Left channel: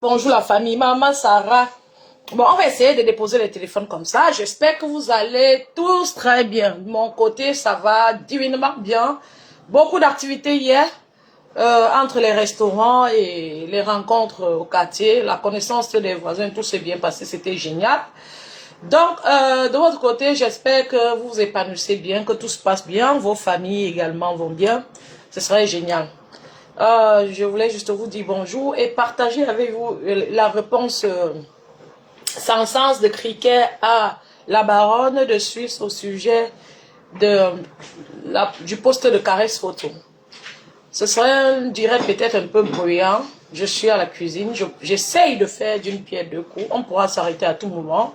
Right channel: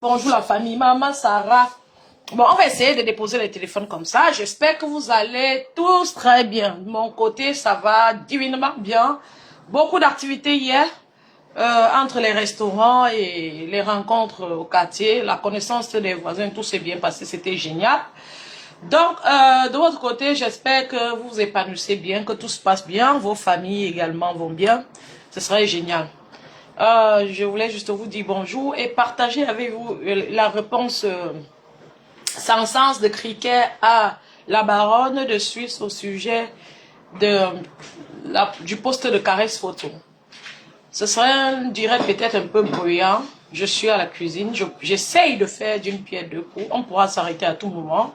Bonjour la famille, maman Sarah. Bon, on va essayer de déposer les téléphones comme ça. J'espère que vous allez tous très bien. De mon côté, ça va divinement bien. Beaucoup d'activités hier, entre les restaurants et les rencontres au quartier. La connaissance des voisins, tout s'est bien passé, c'était génial. Donc, de votre côté, j'espère que vous vous épanouissez bien, que tout se passe bien. Vos familles également vont bien. Ce serait génial. Je voulais juste vous dire bonjour et partager avec vous la réponse sans sens de Cricket à la baronne de Suisse au sujet du poste de caresse photo. Ce serait un direct peut-être un peu bruyant. Je suis à la cuisine. J'essaye de faire d'une pierre deux coups. On pourra s'arrêter à tout moment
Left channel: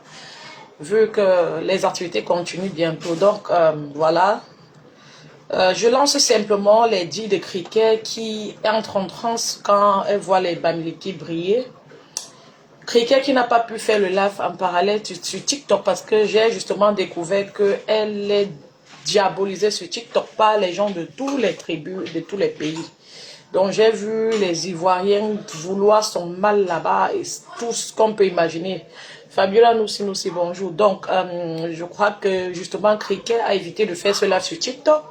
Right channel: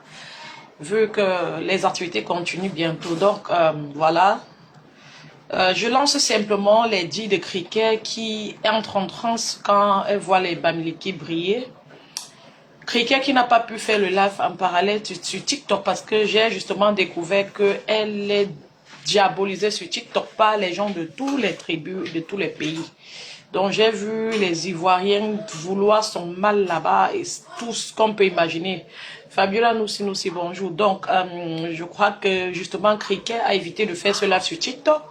vu que les activités continuent bientôt. Donc, voilà. Je lance simplement les dits de Cricket qui entre en transe quand elle voit les Bamileke briller. Cricket qui n'a pas pu faire le live en parallèle sur TikTok parce que j'ai justement découvert qu'elle est diabolisée sur TikTok par les gens de toutes les tribus, de tous les pays. Donc j'ai vu les Ivoiriens vouloir son mal là-bas et tout ce qu'on peut imaginer. Fabiola nous aussi bonjour. Donc je crois que justement Cricket a évité de faire ce live sur TikTok.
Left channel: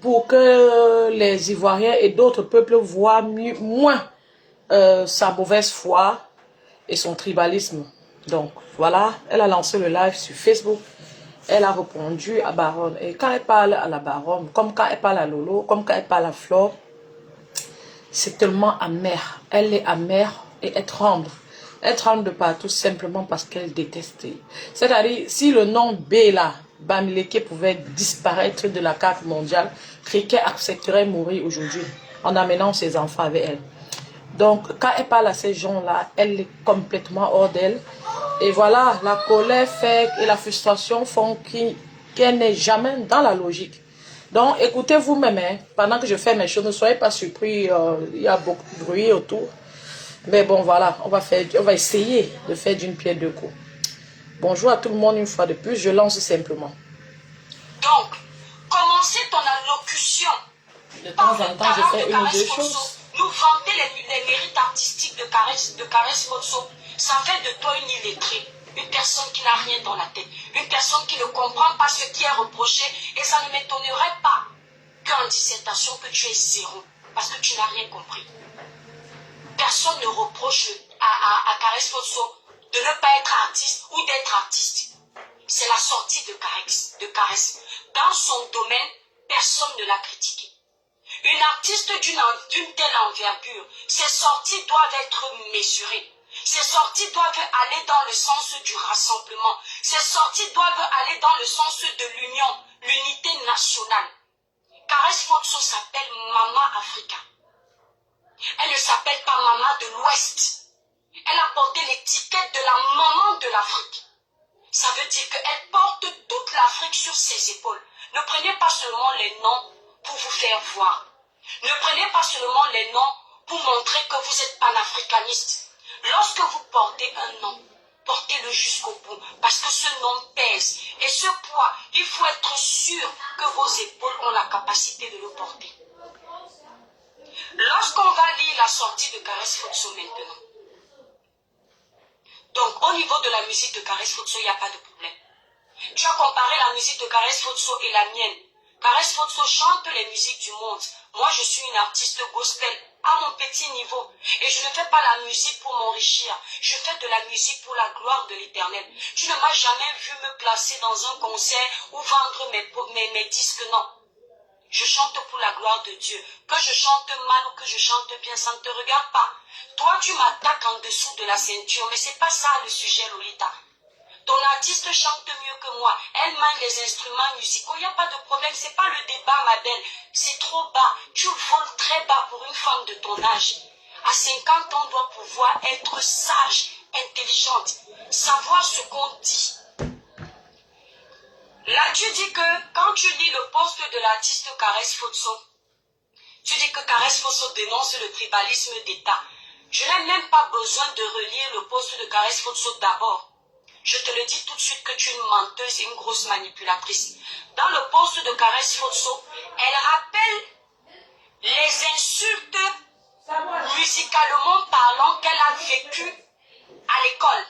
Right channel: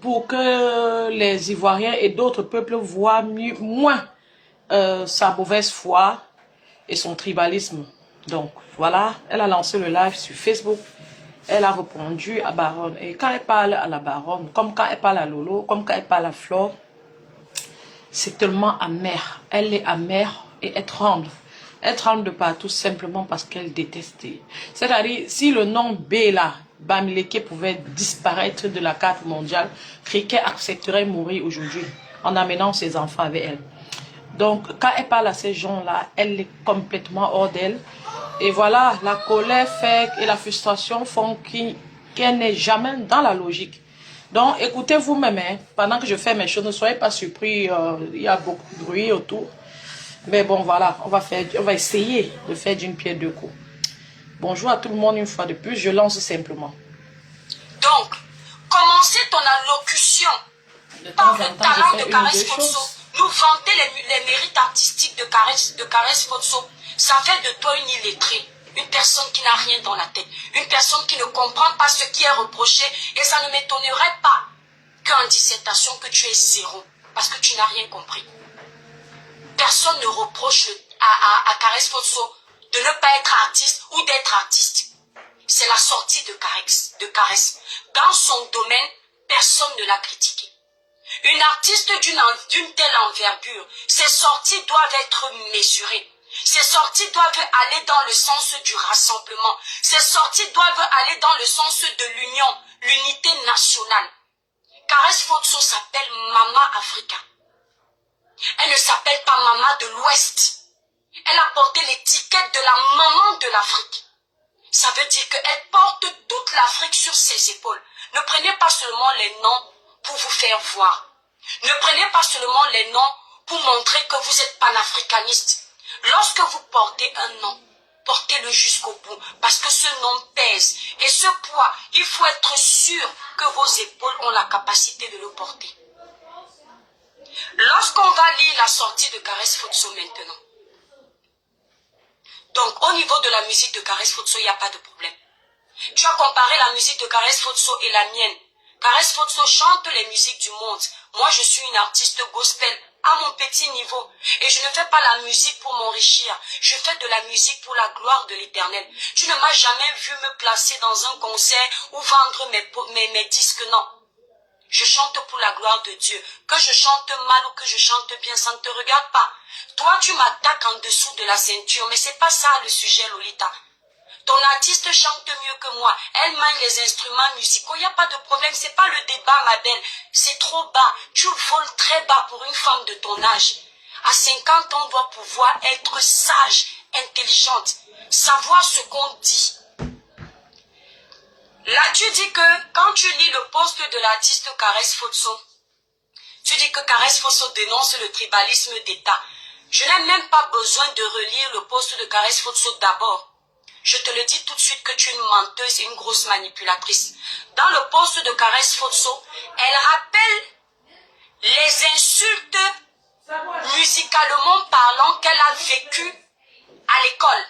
Pour que les Ivoiriens et d'autres peuples voient moins sa mauvaise foi et son tribalisme. Donc voilà, elle a lancé le live sur Facebook. Elle a répondu à Baronne. Et quand elle parle à la Baronne, comme quand elle parle à Lolo, comme quand elle parle à Flore, c'est tellement amer. Elle est amère et elle tremble. Elle tremble de partout simplement parce qu'elle déteste. C'est-à-dire, si le nom B là, Bamileke pouvait disparaître de la carte mondiale, Cricket accepterait mourir aujourd'hui en amenant ses enfants avec elle. Donc, quand elle parle à ces gens-là, elle est complètement hors d'elle. Et voilà, la colère fait et la frustration font qu'elle n'est jamais dans la logique. Donc, écoutez vous-même, hein, pendant que je fais mes choses, ne soyez pas surpris, il y a beaucoup de bruit autour. Mais bon, voilà, on va essayer de faire d'une pierre deux coups. Bonjour à tout le monde une fois de plus, je lance simplement. Donc, commencez ton allocution. De temps en temps, je fais une ou deux choses. Nous vanter les mérites artistiques de Caresse Fotso. Ça fait de toi une illettrée. Une personne qui n'a rien dans la tête. Une personne qui ne comprend pas ce qui est reproché. Et ça ne m'étonnerait pas qu'en dissertation que tu aies zéro. Parce que tu n'as rien compris. Personne ne reproche à Caresse Fotso de ne pas être artiste ou d'être artiste. C'est la sortie de Caresse. Dans son domaine, personne ne l'a critiqué. Une artiste d'une telle envergure, ses sorties doivent être mesurées. Ses sorties doivent aller dans le sens du rassemblement. Ses sorties doivent aller dans le sens de l'union, l'unité nationale. Caresse Fotso s'appelle Mama Africa. Elle ne s'appelle pas Mama de l'Ouest. Elle a porté l'étiquette de la maman de l'Afrique. Ça veut dire qu'elle porte toute l'Afrique sur ses épaules. Ne prenez pas seulement les noms pour vous faire voir. Ne prenez pas seulement les noms pour montrer que vous êtes panafricaniste. Lorsque vous portez un nom, portez-le jusqu'au bout, parce que ce nom pèse. Et ce poids, il faut être sûr que vos épaules ont la capacité de le porter. Lorsqu'on va lire la sortie de Caresse Fotso maintenant, donc au niveau de la musique de Caresse Fotso, il n'y a pas de problème. Tu as comparé la musique de Caresse Fotso et la mienne. Caresse Fotso chante les musiques du monde. Moi, je suis une artiste gospel à mon petit niveau. Et je ne fais pas la musique pour m'enrichir. Je fais de la musique pour la gloire de l'Éternel. Tu ne m'as jamais vu me placer dans un concert ou vendre mes disques, non. Je chante pour la gloire de Dieu. Que je chante mal ou que je chante bien, ça ne te regarde pas. Toi, tu m'attaques en dessous de la ceinture, mais c'est pas ça le sujet, Lolita. Ton artiste chante mieux que moi. Elle manie les instruments musicaux. Il n'y a pas de problème. C'est pas le débat, ma belle. C'est trop bas. Tu voles très bas pour une femme de ton âge. À 50 ans, on doit pouvoir être sage, intelligente, savoir ce qu'on dit. Là, tu dis que quand tu lis le poste de l'artiste Caresse Fotso, tu dis que Caresse Fotso dénonce le tribalisme d'État. Je n'ai même pas besoin de relire le poste de Caresse Fotso d'abord. Je te le dis tout de suite que tu es une menteuse et une grosse manipulatrice. Dans le poste de Caresse Fotso, elle rappelle les insultes musicalement parlant, qu'elle a vécu à l'école.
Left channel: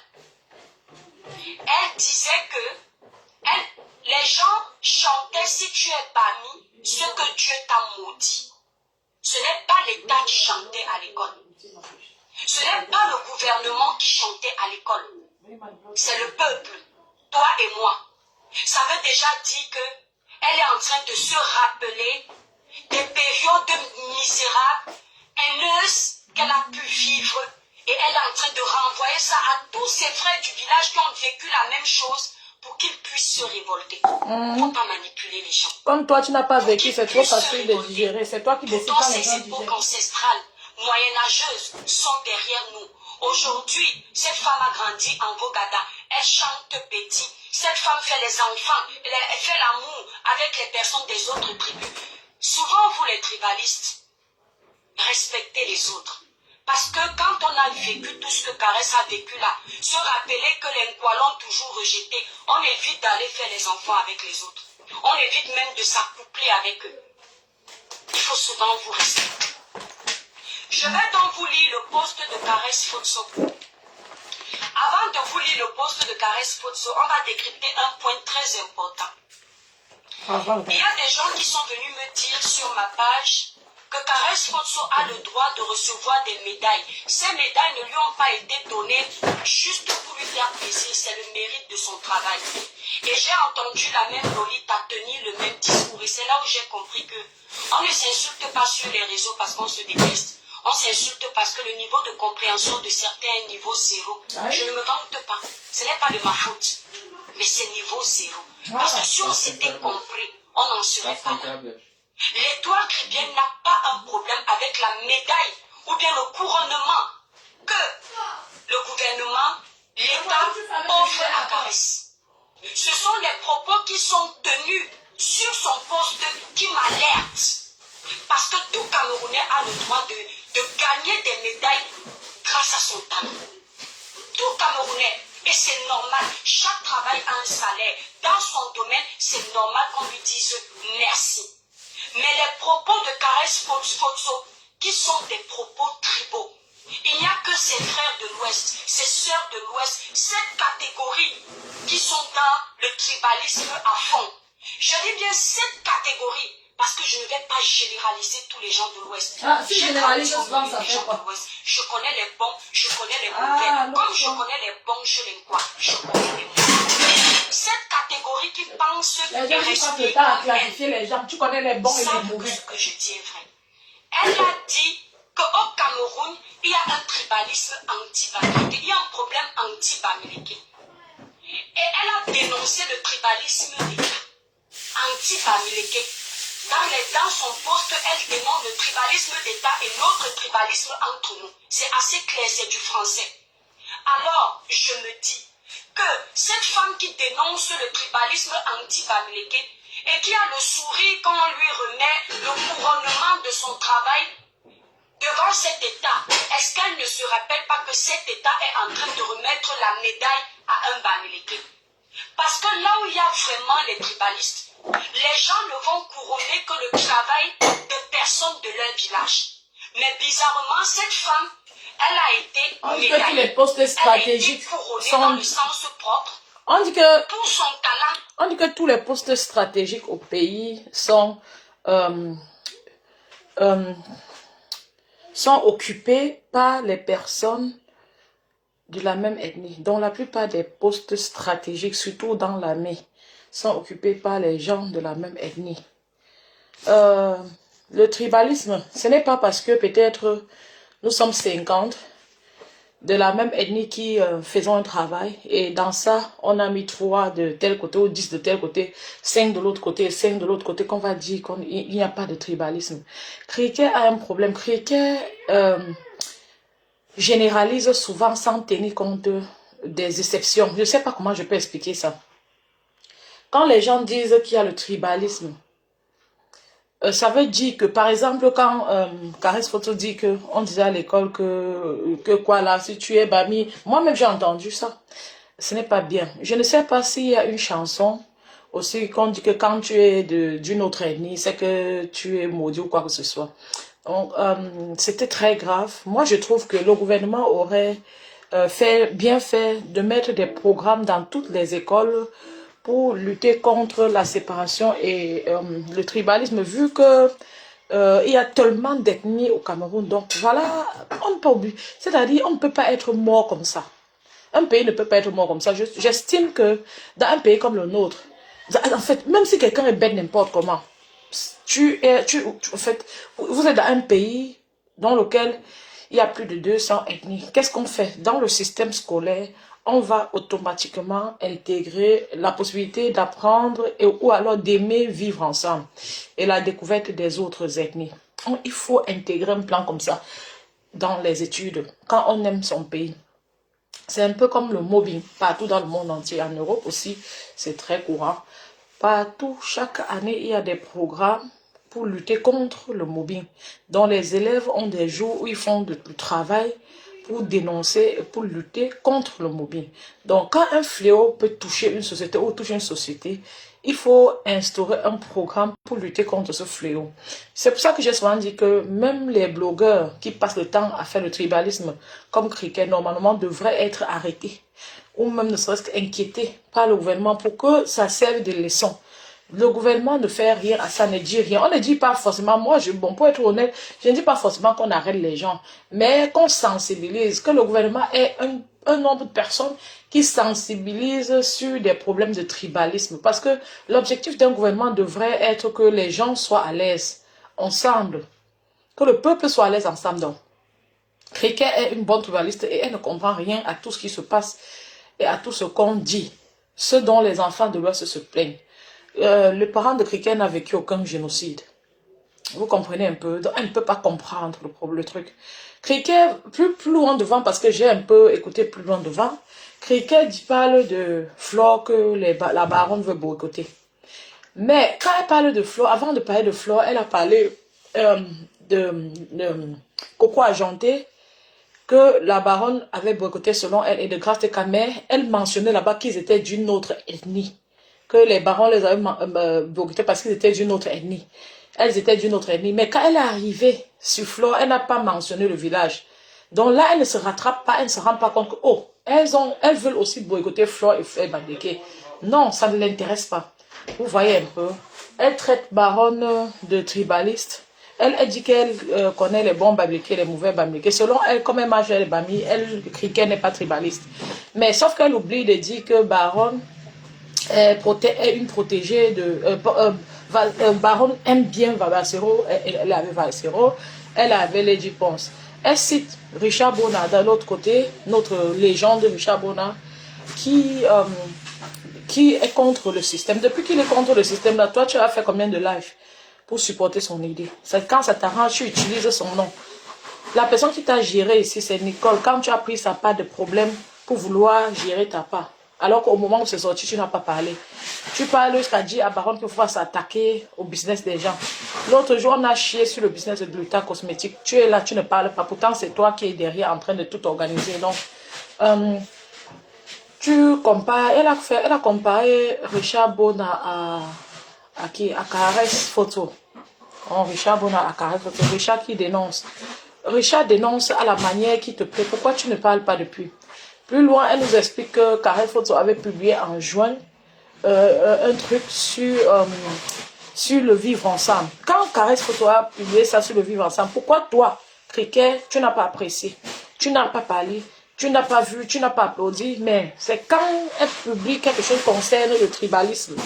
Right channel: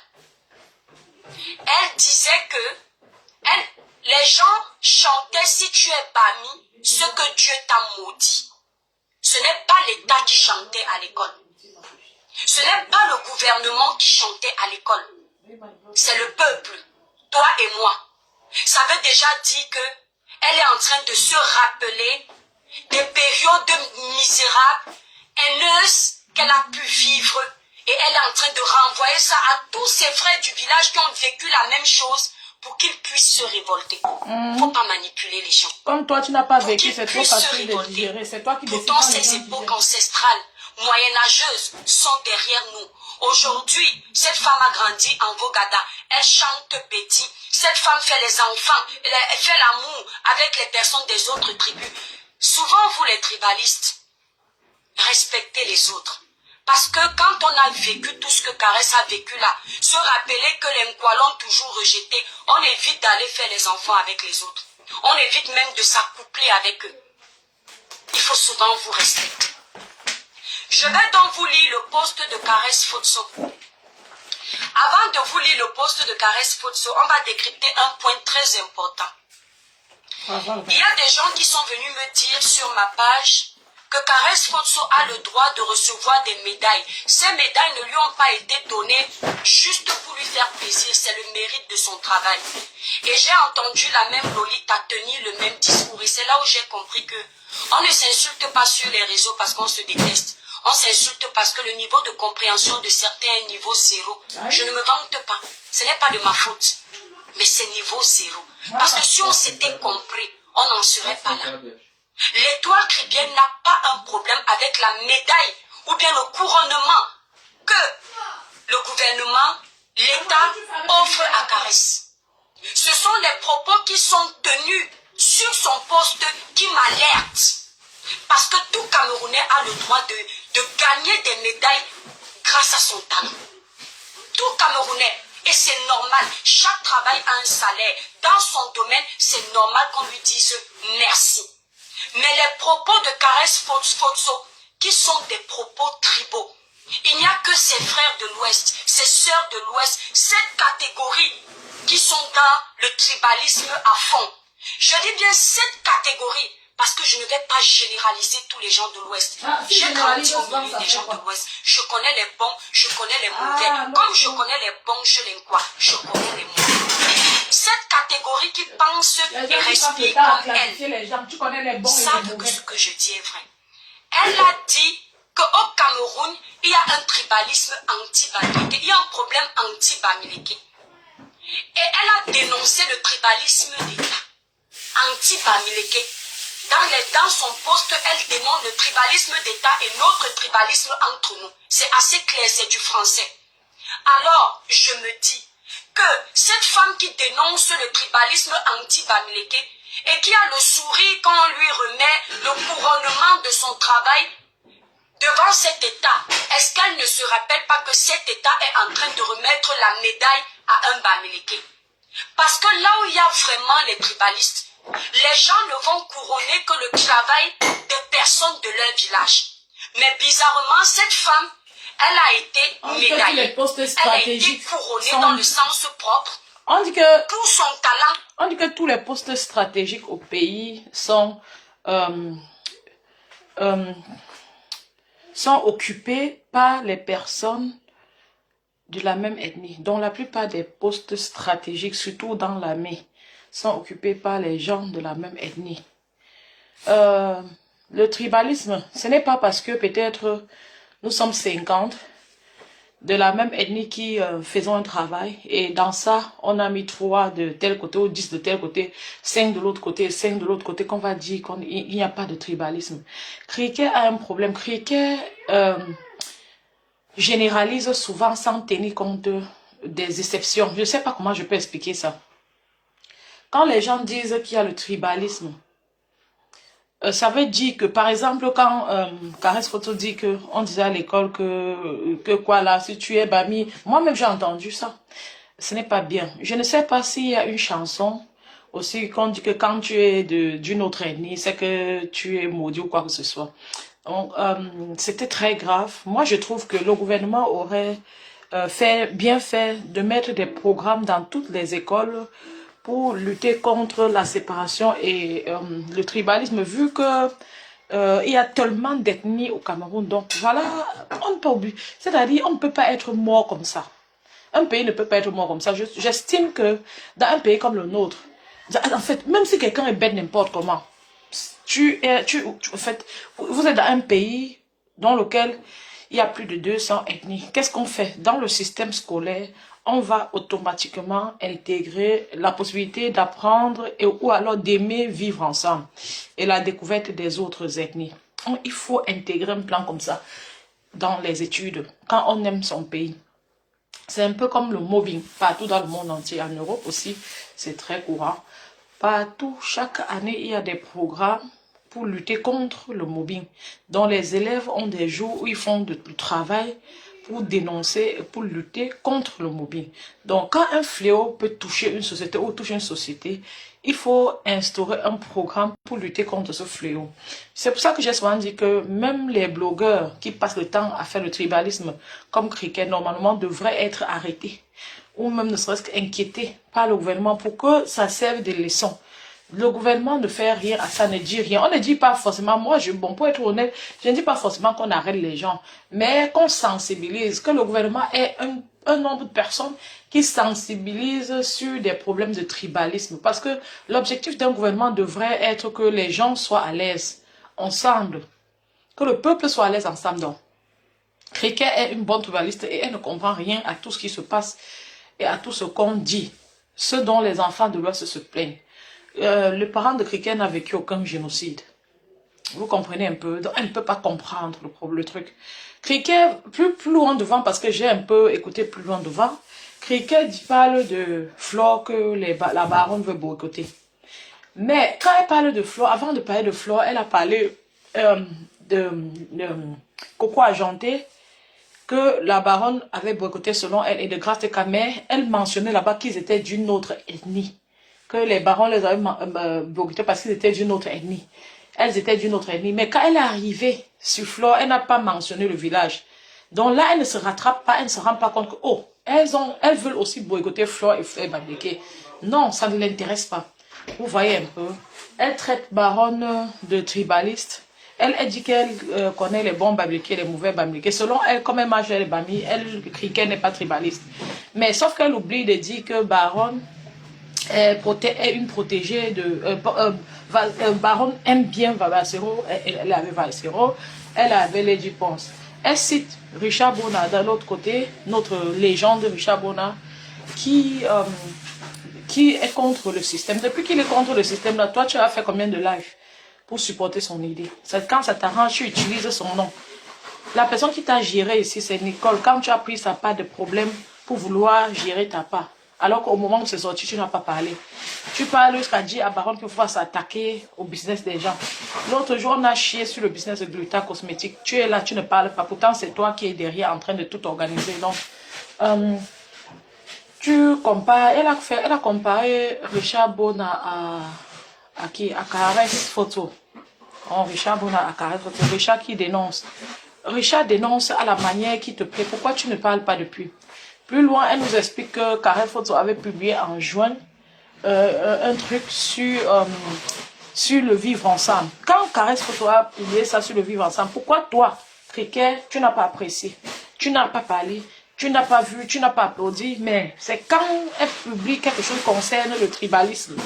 Elle disait que les gens chantaient si tu es Bami, ce que Dieu t'a maudit. Ce n'est pas l'État qui chantait à l'école. Ce n'est pas le gouvernement qui chantait à l'école. C'est le peuple, toi et moi. Ça veut déjà dire qu'elle est en train de se rappeler des périodes misérables, haineuses qu'elle a pu vivre. Et elle est en train de renvoyer ça à tous ses frères du village qui ont vécu la même chose pour qu'ils puissent se révolter. Il ne faut pas manipuler les gens. Comme toi, tu n'as pas vécu, c'est trop facile de digérer. C'est toi qui décides quand quand ces les gens époques digèrent. ancestrales, moyenâgeuses, sont derrière nous. Aujourd'hui, cette femme a grandi en Vogada. Elle chante petit. Cette femme fait les enfants. Elle fait l'amour avec les personnes des autres tribus. Souvent, vous les tribalistes, respectez les autres. Parce que quand on a vécu tout ce que Caresse a vécu là, se rappeler que les Nkwa l'ont toujours rejeté, on évite d'aller faire les enfants avec les autres. On évite même de s'accoupler avec eux. Il faut souvent vous respecter. Je vais donc vous lire le poste de Caresse Fotso. Avant de vous lire le poste de Caresse Fotso, on va décrypter un point très important. Il y a des gens qui sont venus me dire sur ma page que Caresse Fotso a le droit de recevoir des médailles. Ces médailles ne lui ont pas été données juste pour lui faire plaisir, c'est le mérite de son travail. Et j'ai entendu la même Lolita tenir le même discours et c'est là où j'ai compris que on ne s'insulte pas sur les réseaux parce qu'on se déteste. On s'insulte parce que le niveau de compréhension de certains est niveau zéro. Je ne me vante pas, ce n'est pas de ma faute, mais c'est niveau zéro. Parce que si on s'était compris, on n'en serait pas là. L'étoile chrétienne n'a pas un problème avec la médaille ou bien le couronnement que le gouvernement, l'État offre à Caresse. Ce sont les propos qui sont tenus sur son poste qui m'alertent. Parce que tout Camerounais a le droit de gagner des médailles grâce à son talent. Tout Camerounais. Et c'est normal. Chaque travail a un salaire. Dans son domaine, c'est normal qu'on lui dise merci. Mais les propos de Caresse Fotso, qui sont des propos tribaux, il n'y a que ses frères de l'Ouest, ses sœurs de l'Ouest, cette catégorie qui sont dans le tribalisme à fond. Je dis bien cette catégorie, parce que je ne vais pas généraliser tous les gens de l'Ouest. J'ai grandi au milieu des gens de l'Ouest. Je connais les bons, je connais les mauvais. Comme je connais les bons chez les quoi, je connais les mauvais. Cette catégorie qui pense et respire comme elle, tu connais les bons et les savent mauvais. que ce que je dis est vrai. Elle a dit qu'au Cameroun, il y a un tribalisme anti-Bamileke. Il y a un problème anti-Bamileke. Et elle a dénoncé le tribalisme d'État, anti-Bamileke. Dans son poste, elle dénonce le tribalisme d'État et notre tribalisme entre nous. C'est assez clair, c'est du français. Alors, je me dis que cette femme qui dénonce le tribalisme anti-Bamileke et qui a le sourire quand on lui remet le couronnement de son travail devant cet État, est-ce qu'elle ne se rappelle pas que cet État est en train de remettre la médaille à un Bamileke? Parce que là où il y a vraiment les tribalistes, les gens ne vont couronner que le travail des personnes de leur village. Mais bizarrement, cette femme, elle a été médaillée. Que les postes stratégiques elle a été couronnée dans le sens propre. On dit que, pour son talent. On dit que tous les postes stratégiques au pays sont occupés par les personnes de la même ethnie. Donc la plupart des postes stratégiques, surtout dans l'armée, sont occupés par les gens de la même ethnie. Le tribalisme, ce n'est pas parce que peut-être nous sommes 50 de la même ethnie qui faisons un travail et dans ça, on a mis 3 de tel côté ou 10 de tel côté, 5 de l'autre côté, 5 de l'autre côté, qu'on va dire qu'il n'y a pas de tribalisme. Cricket a un problème. Cricket généralise souvent sans tenir compte des exceptions. Je ne sais pas comment je peux expliquer ça. Quand les gens disent qu'il y a le tribalisme, ça veut dire que, par exemple, quand Caresse Fotso dit qu'on disait à l'école que quoi là, si tu es Bami, moi-même j'ai entendu ça. Ce n'est pas bien. Je ne sais pas s'il y a une chanson aussi qu'on dit que quand tu es d'une autre ethnie, c'est que tu es maudit ou quoi que ce soit. Donc, c'était très grave. Moi, je trouve que le gouvernement aurait bien fait de mettre des programmes dans toutes les écoles pour lutter contre la séparation et le tribalisme, vu que il y a tellement d'ethnies au Cameroun. Donc voilà, on peut oublier. C'est-à-dire, on ne peut pas être mort comme ça. Un pays ne peut pas être mort comme ça. J'estime que dans un pays comme le nôtre, en fait, même si quelqu'un est bête n'importe comment, en fait, vous êtes dans un pays dans lequel il y a plus de 200 ethnies. Qu'est-ce qu'on fait? Dans le système scolaire, on va automatiquement intégrer la possibilité d'apprendre ou alors d'aimer vivre ensemble et la découverte des autres ethnies. Donc, il faut intégrer un plan comme ça dans les études quand on aime son pays. C'est un peu comme le mobbing, partout dans le monde entier, en Europe aussi, c'est très courant. Partout, chaque année, il y a des programmes pour lutter contre le mobbing, dont les élèves ont des jours où ils font du travail pour dénoncer et pour lutter contre le mobbing. Donc, quand un fléau peut toucher une société ou toucher une société, il faut instaurer un programme pour lutter contre ce fléau. C'est pour ça que j'ai souvent dit que même les blogueurs qui passent le temps à faire le tribalisme, comme Cricket, normalement devraient être arrêtés ou même ne serait-ce qu'inquiétés par le gouvernement pour que ça serve de leçon. Le gouvernement ne fait rien à ça, ne dit rien. On ne dit pas forcément, bon, pour être honnête, je ne dis pas forcément qu'on arrête les gens, mais qu'on sensibilise, que le gouvernement ait un nombre de personnes qui sensibilisent sur des problèmes de tribalisme. Parce que l'objectif d'un gouvernement devrait être que les gens soient à l'aise ensemble, que le peuple soit à l'aise ensemble. Donc, Cricket est une bonne tribaliste et elle ne comprend rien à tout ce qui se passe et à tout ce qu'on dit, ce dont les enfants de l'Ouest se plaignent. Le parent de Cricket n'a vécu aucun génocide. Vous comprenez un peu? Donc, elle ne peut pas comprendre le truc. Cricket, plus loin devant, parce que j'ai un peu écouté plus loin devant, Cricket parle de Flore que la baronne veut boycotter. Mais quand elle parle de Flore, avant de parler de Flore, elle a parlé de Coco Argenté, que la baronne avait boycotté selon elle, et de Grace Camé, elle mentionnait là-bas qu'ils étaient d'une autre ethnie. Que les barons les avaient boycottés parce qu'ils étaient d'une autre ethnie. Elles étaient d'une autre ethnie. Mais quand elle est arrivée sur Flore, elle n'a pas mentionné le village. Donc là, elle ne se rattrape pas, elle ne se rend pas compte que, oh, elles veulent aussi boycotter Flore et Bambileke. Non, ça ne l'intéresse pas. Vous voyez un peu. Elle traite baronne de tribaliste. Elle dit qu'elle connaît les bons Bambileke et les mauvais Bambileke. Selon elle, comme elle mange les Bami, elle crie qu'elle n'est pas tribaliste. Mais sauf qu'elle oublie de dire que baronne est une protégée de... Baronne aime bien Valsero, elle avait Valsero, elle avait Lady Ponce. Elle cite Richard Bona d'un autre côté, notre légende Richard Bona, qui est contre le système. Depuis qu'il est contre le système, là, toi, tu as fait combien de lives pour supporter son idée? C'est quand ça t'arrange, tu utilises son nom. La personne qui t'a géré ici, c'est Nicole. Quand tu as pris sa part de problème pour vouloir gérer ta part, alors qu'au moment où c'est sorti, tu n'as pas parlé. Tu parles, tu as dit à Baron pour pouvoir s'attaquer au business des gens. L'autre jour, on a chié sur le business de Gluta Cosmétique. Tu es là, tu ne parles pas. Pourtant, c'est toi qui es derrière en train de tout organiser. Donc, tu compares, elle a comparé Richard Bona à qui? À Caresse Photo. Oh, Richard Bona à Caresse Photo. Richard qui dénonce. Richard dénonce à la manière qui te plaît. Pourquoi tu ne parles pas depuis? Plus loin, elle nous explique que Caresse Photo avait publié en juin un truc sur le vivre ensemble. Quand Caresse Photo a publié ça sur le vivre ensemble, pourquoi toi, Cricket, tu n'as pas apprécié? Tu n'as pas parlé? Tu n'as pas vu, tu n'as pas applaudi, mais c'est quand elle publie quelque chose qui concerne le tribalisme.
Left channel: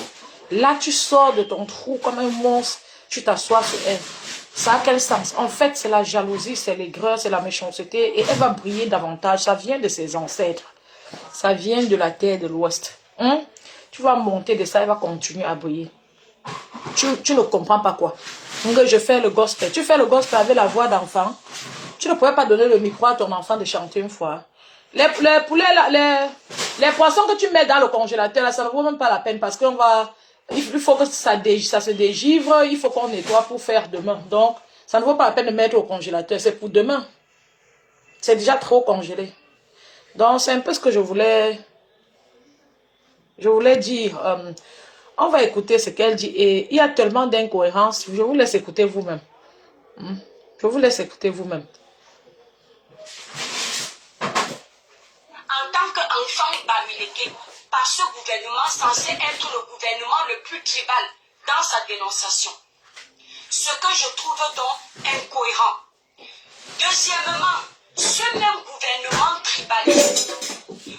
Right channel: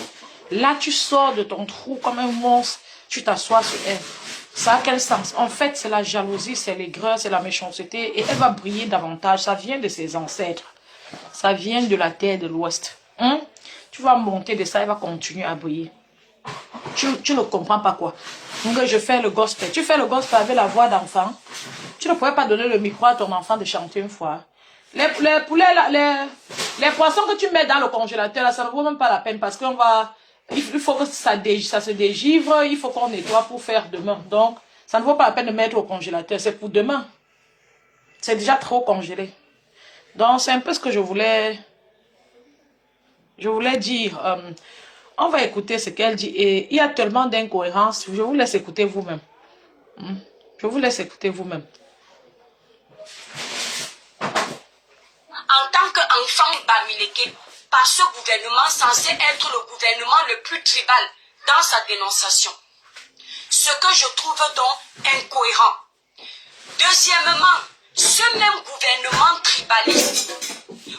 Là, tu sors de ton trou comme un monstre, tu t'assois sur elle. Ça a quel sens? En fait, c'est la jalousie, c'est l'aigreur, c'est la méchanceté, et elle va briller davantage. Ça vient de ses ancêtres. Ça vient de la terre de l'Ouest. Hein? Tu vas monter de ça, elle va continuer à briller. Tu ne comprends pas quoi. Donc, je fais le gospel. Tu fais le gospel avec la voix d'enfant. Tu ne pourrais pas donner le micro à ton enfant de chanter une fois. Les poulets, les poissons que tu mets dans le congélateur, là, ça ne vaut même pas la peine parce qu'on va... Il faut que ça se dégivre, il faut qu'on nettoie pour faire demain. Donc, ça ne vaut pas la peine de mettre au congélateur, c'est pour demain. C'est déjà trop congelé. Donc, c'est un peu ce que je voulais dire. On va écouter ce qu'elle dit. Et il y a tellement d'incohérences. Je vous laisse écouter vous-même. Je vous laisse écouter vous-même. En tant qu'enfant Bamileke, par ce gouvernement censé être le gouvernement le plus tribal dans sa dénonciation. Ce que je trouve donc incohérent. Deuxièmement, ce même gouvernement tribaliste,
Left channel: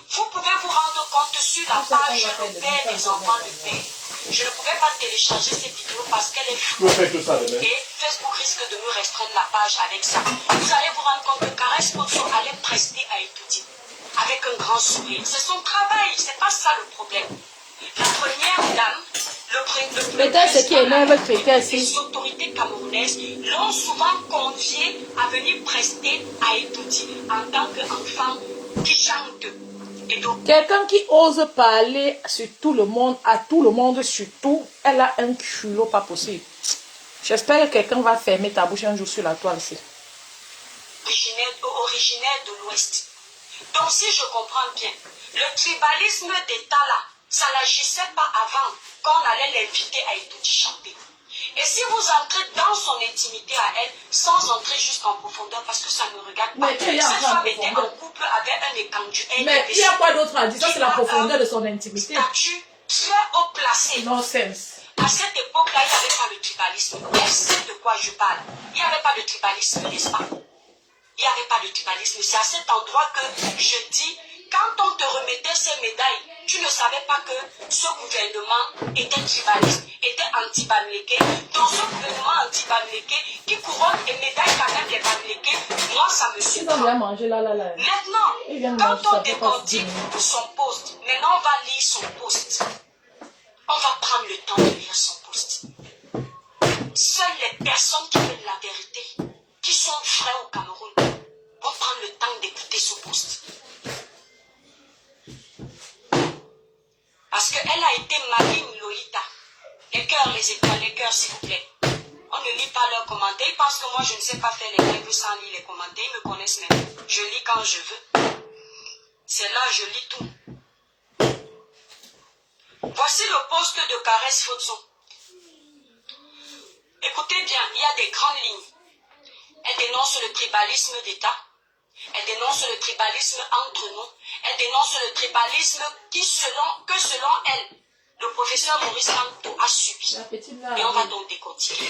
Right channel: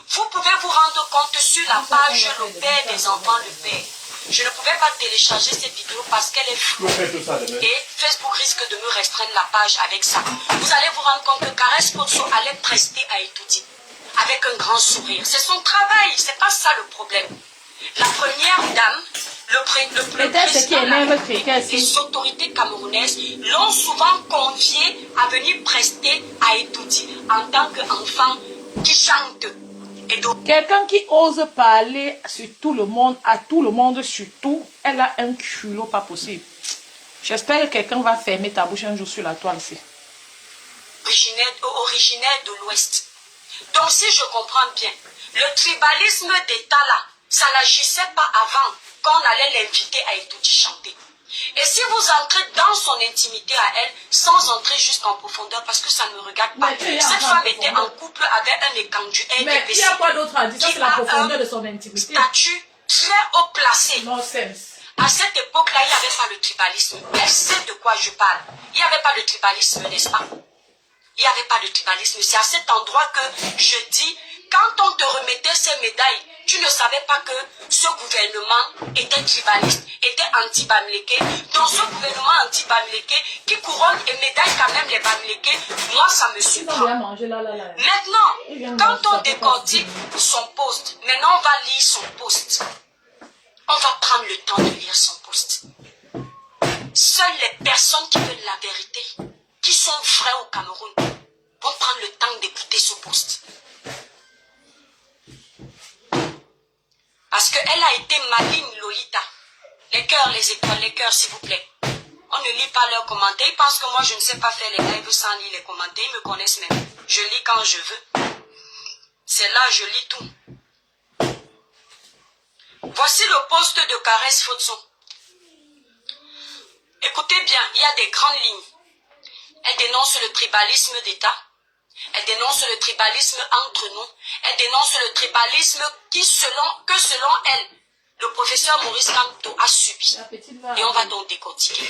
vous pouvez vous rendre compte sur la page Le Père des enfants de Père. Je ne pouvais pas télécharger cette vidéo parce qu'elle est floue. Et Facebook risque de me restreindre la page avec ça. Vous allez vous rendre compte que Caresse Potso allait prester à étudier avec un grand sourire. C'est son travail, c'est pas ça le problème. La première dame, le président et les autorités camerounaises l'ont souvent convié à venir prester à étudier en tant qu'enfant qui chante. Quelqu'un qui ose parler sur tout le monde, à tout le monde surtout, elle a un culot pas possible. J'espère que quelqu'un va fermer ta bouche un jour sur la toile ici. Originaire de l'Ouest. Donc si je comprends bien, le tribalisme d'État là, ça n'agissait pas avant qu'on allait l'inviter à étudier chanter. Et si vous entrez dans son intimité à elle, sans entrer jusqu'en profondeur, parce que ça ne me regarde pas, cette femme était en couple avec un écandu. Mais il y a quoi d'autre à dire? Ça, c'est la profondeur de son intimité. Statut très haut placé. Nonsense. À cette époque-là, il n'y avait pas le tribalisme. Elle sait de quoi je parle. Il n'y avait pas de tribalisme, n'est-ce pas? Il n'y avait pas de tribalisme. C'est à cet endroit que je dis, quand on te remettait ces médailles, tu ne savais pas que ce gouvernement était tribaliste, était anti-Bamileke. Dans ce gouvernement anti-Bamileke, qui couronne et médaille quand même les Bamileke, moi ça me suffit. Maintenant, quand on décortique son poste, maintenant on va lire son poste. On va prendre le temps de lire son poste. Seules les personnes qui veulent la vérité, qui sont vraies au Cameroun, vont prendre le temps d'écouter ce poste. Parce qu'elle a été maligne, Lolita. Les cœurs, les étoiles, les cœurs, s'il vous plaît. On ne lit pas leurs commentaires. Ils pensent que moi, je ne sais pas faire les lives sans lire les commentaires. Ils me connaissent même. Je lis quand je veux. C'est là, je lis tout. Voici le poste de Caresse Potso. Écoutez bien, il y a des grandes lignes. Elle dénonce le tribalisme d'État. Elle dénonce le tribalisme entre nous. Elle dénonce le tribalisme selon elle, le professeur Maurice Kamto a subi. Et on va donc décortiquer.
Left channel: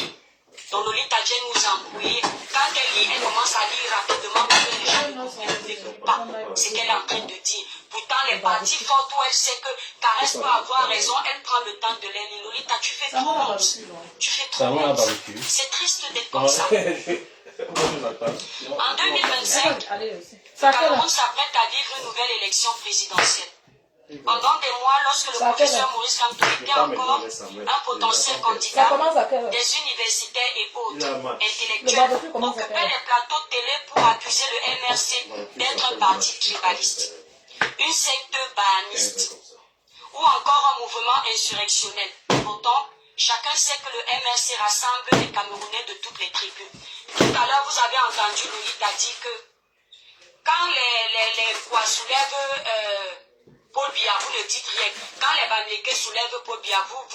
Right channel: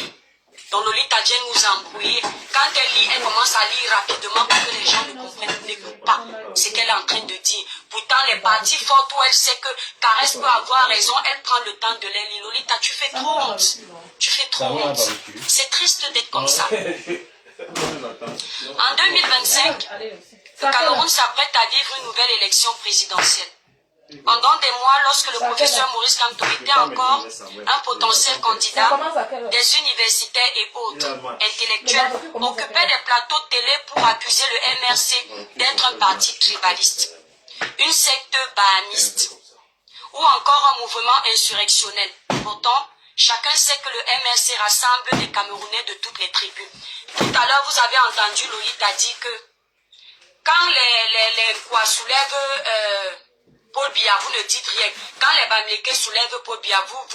Donc Lolita Dieng nous a embrouillé. Quand elle lit, elle commence à lire rapidement pour que les gens ne comprennent pas ce qu'elle est en train de dire. Pourtant, les parties fortes où elle sait que Caresse peut avoir raison, elle prend le temps de les lire. Lolita, tu fais trop honte. Tu fais trop honte. C'est triste d'être comme ça. En 2025, le Cameroun s'apprête à vivre une nouvelle élection présidentielle. Pendant des mois, lorsque le professeur Maurice Kamto était encore un potentiel candidat, des universitaires et autres intellectuels occupaient des plateaux télé pour accuser le MRC d'être un parti tribaliste, une secte bahamiste ou encore un mouvement insurrectionnel. Pourtant, chacun sait que le MRC rassemble des Camerounais de toutes les tribus. Tout à l'heure, vous avez entendu Lolita dire que quand les quoi soulèvent Paul Biya, vous ne dites rien. Quand les Bamileke soulèvent Paul Biya, vous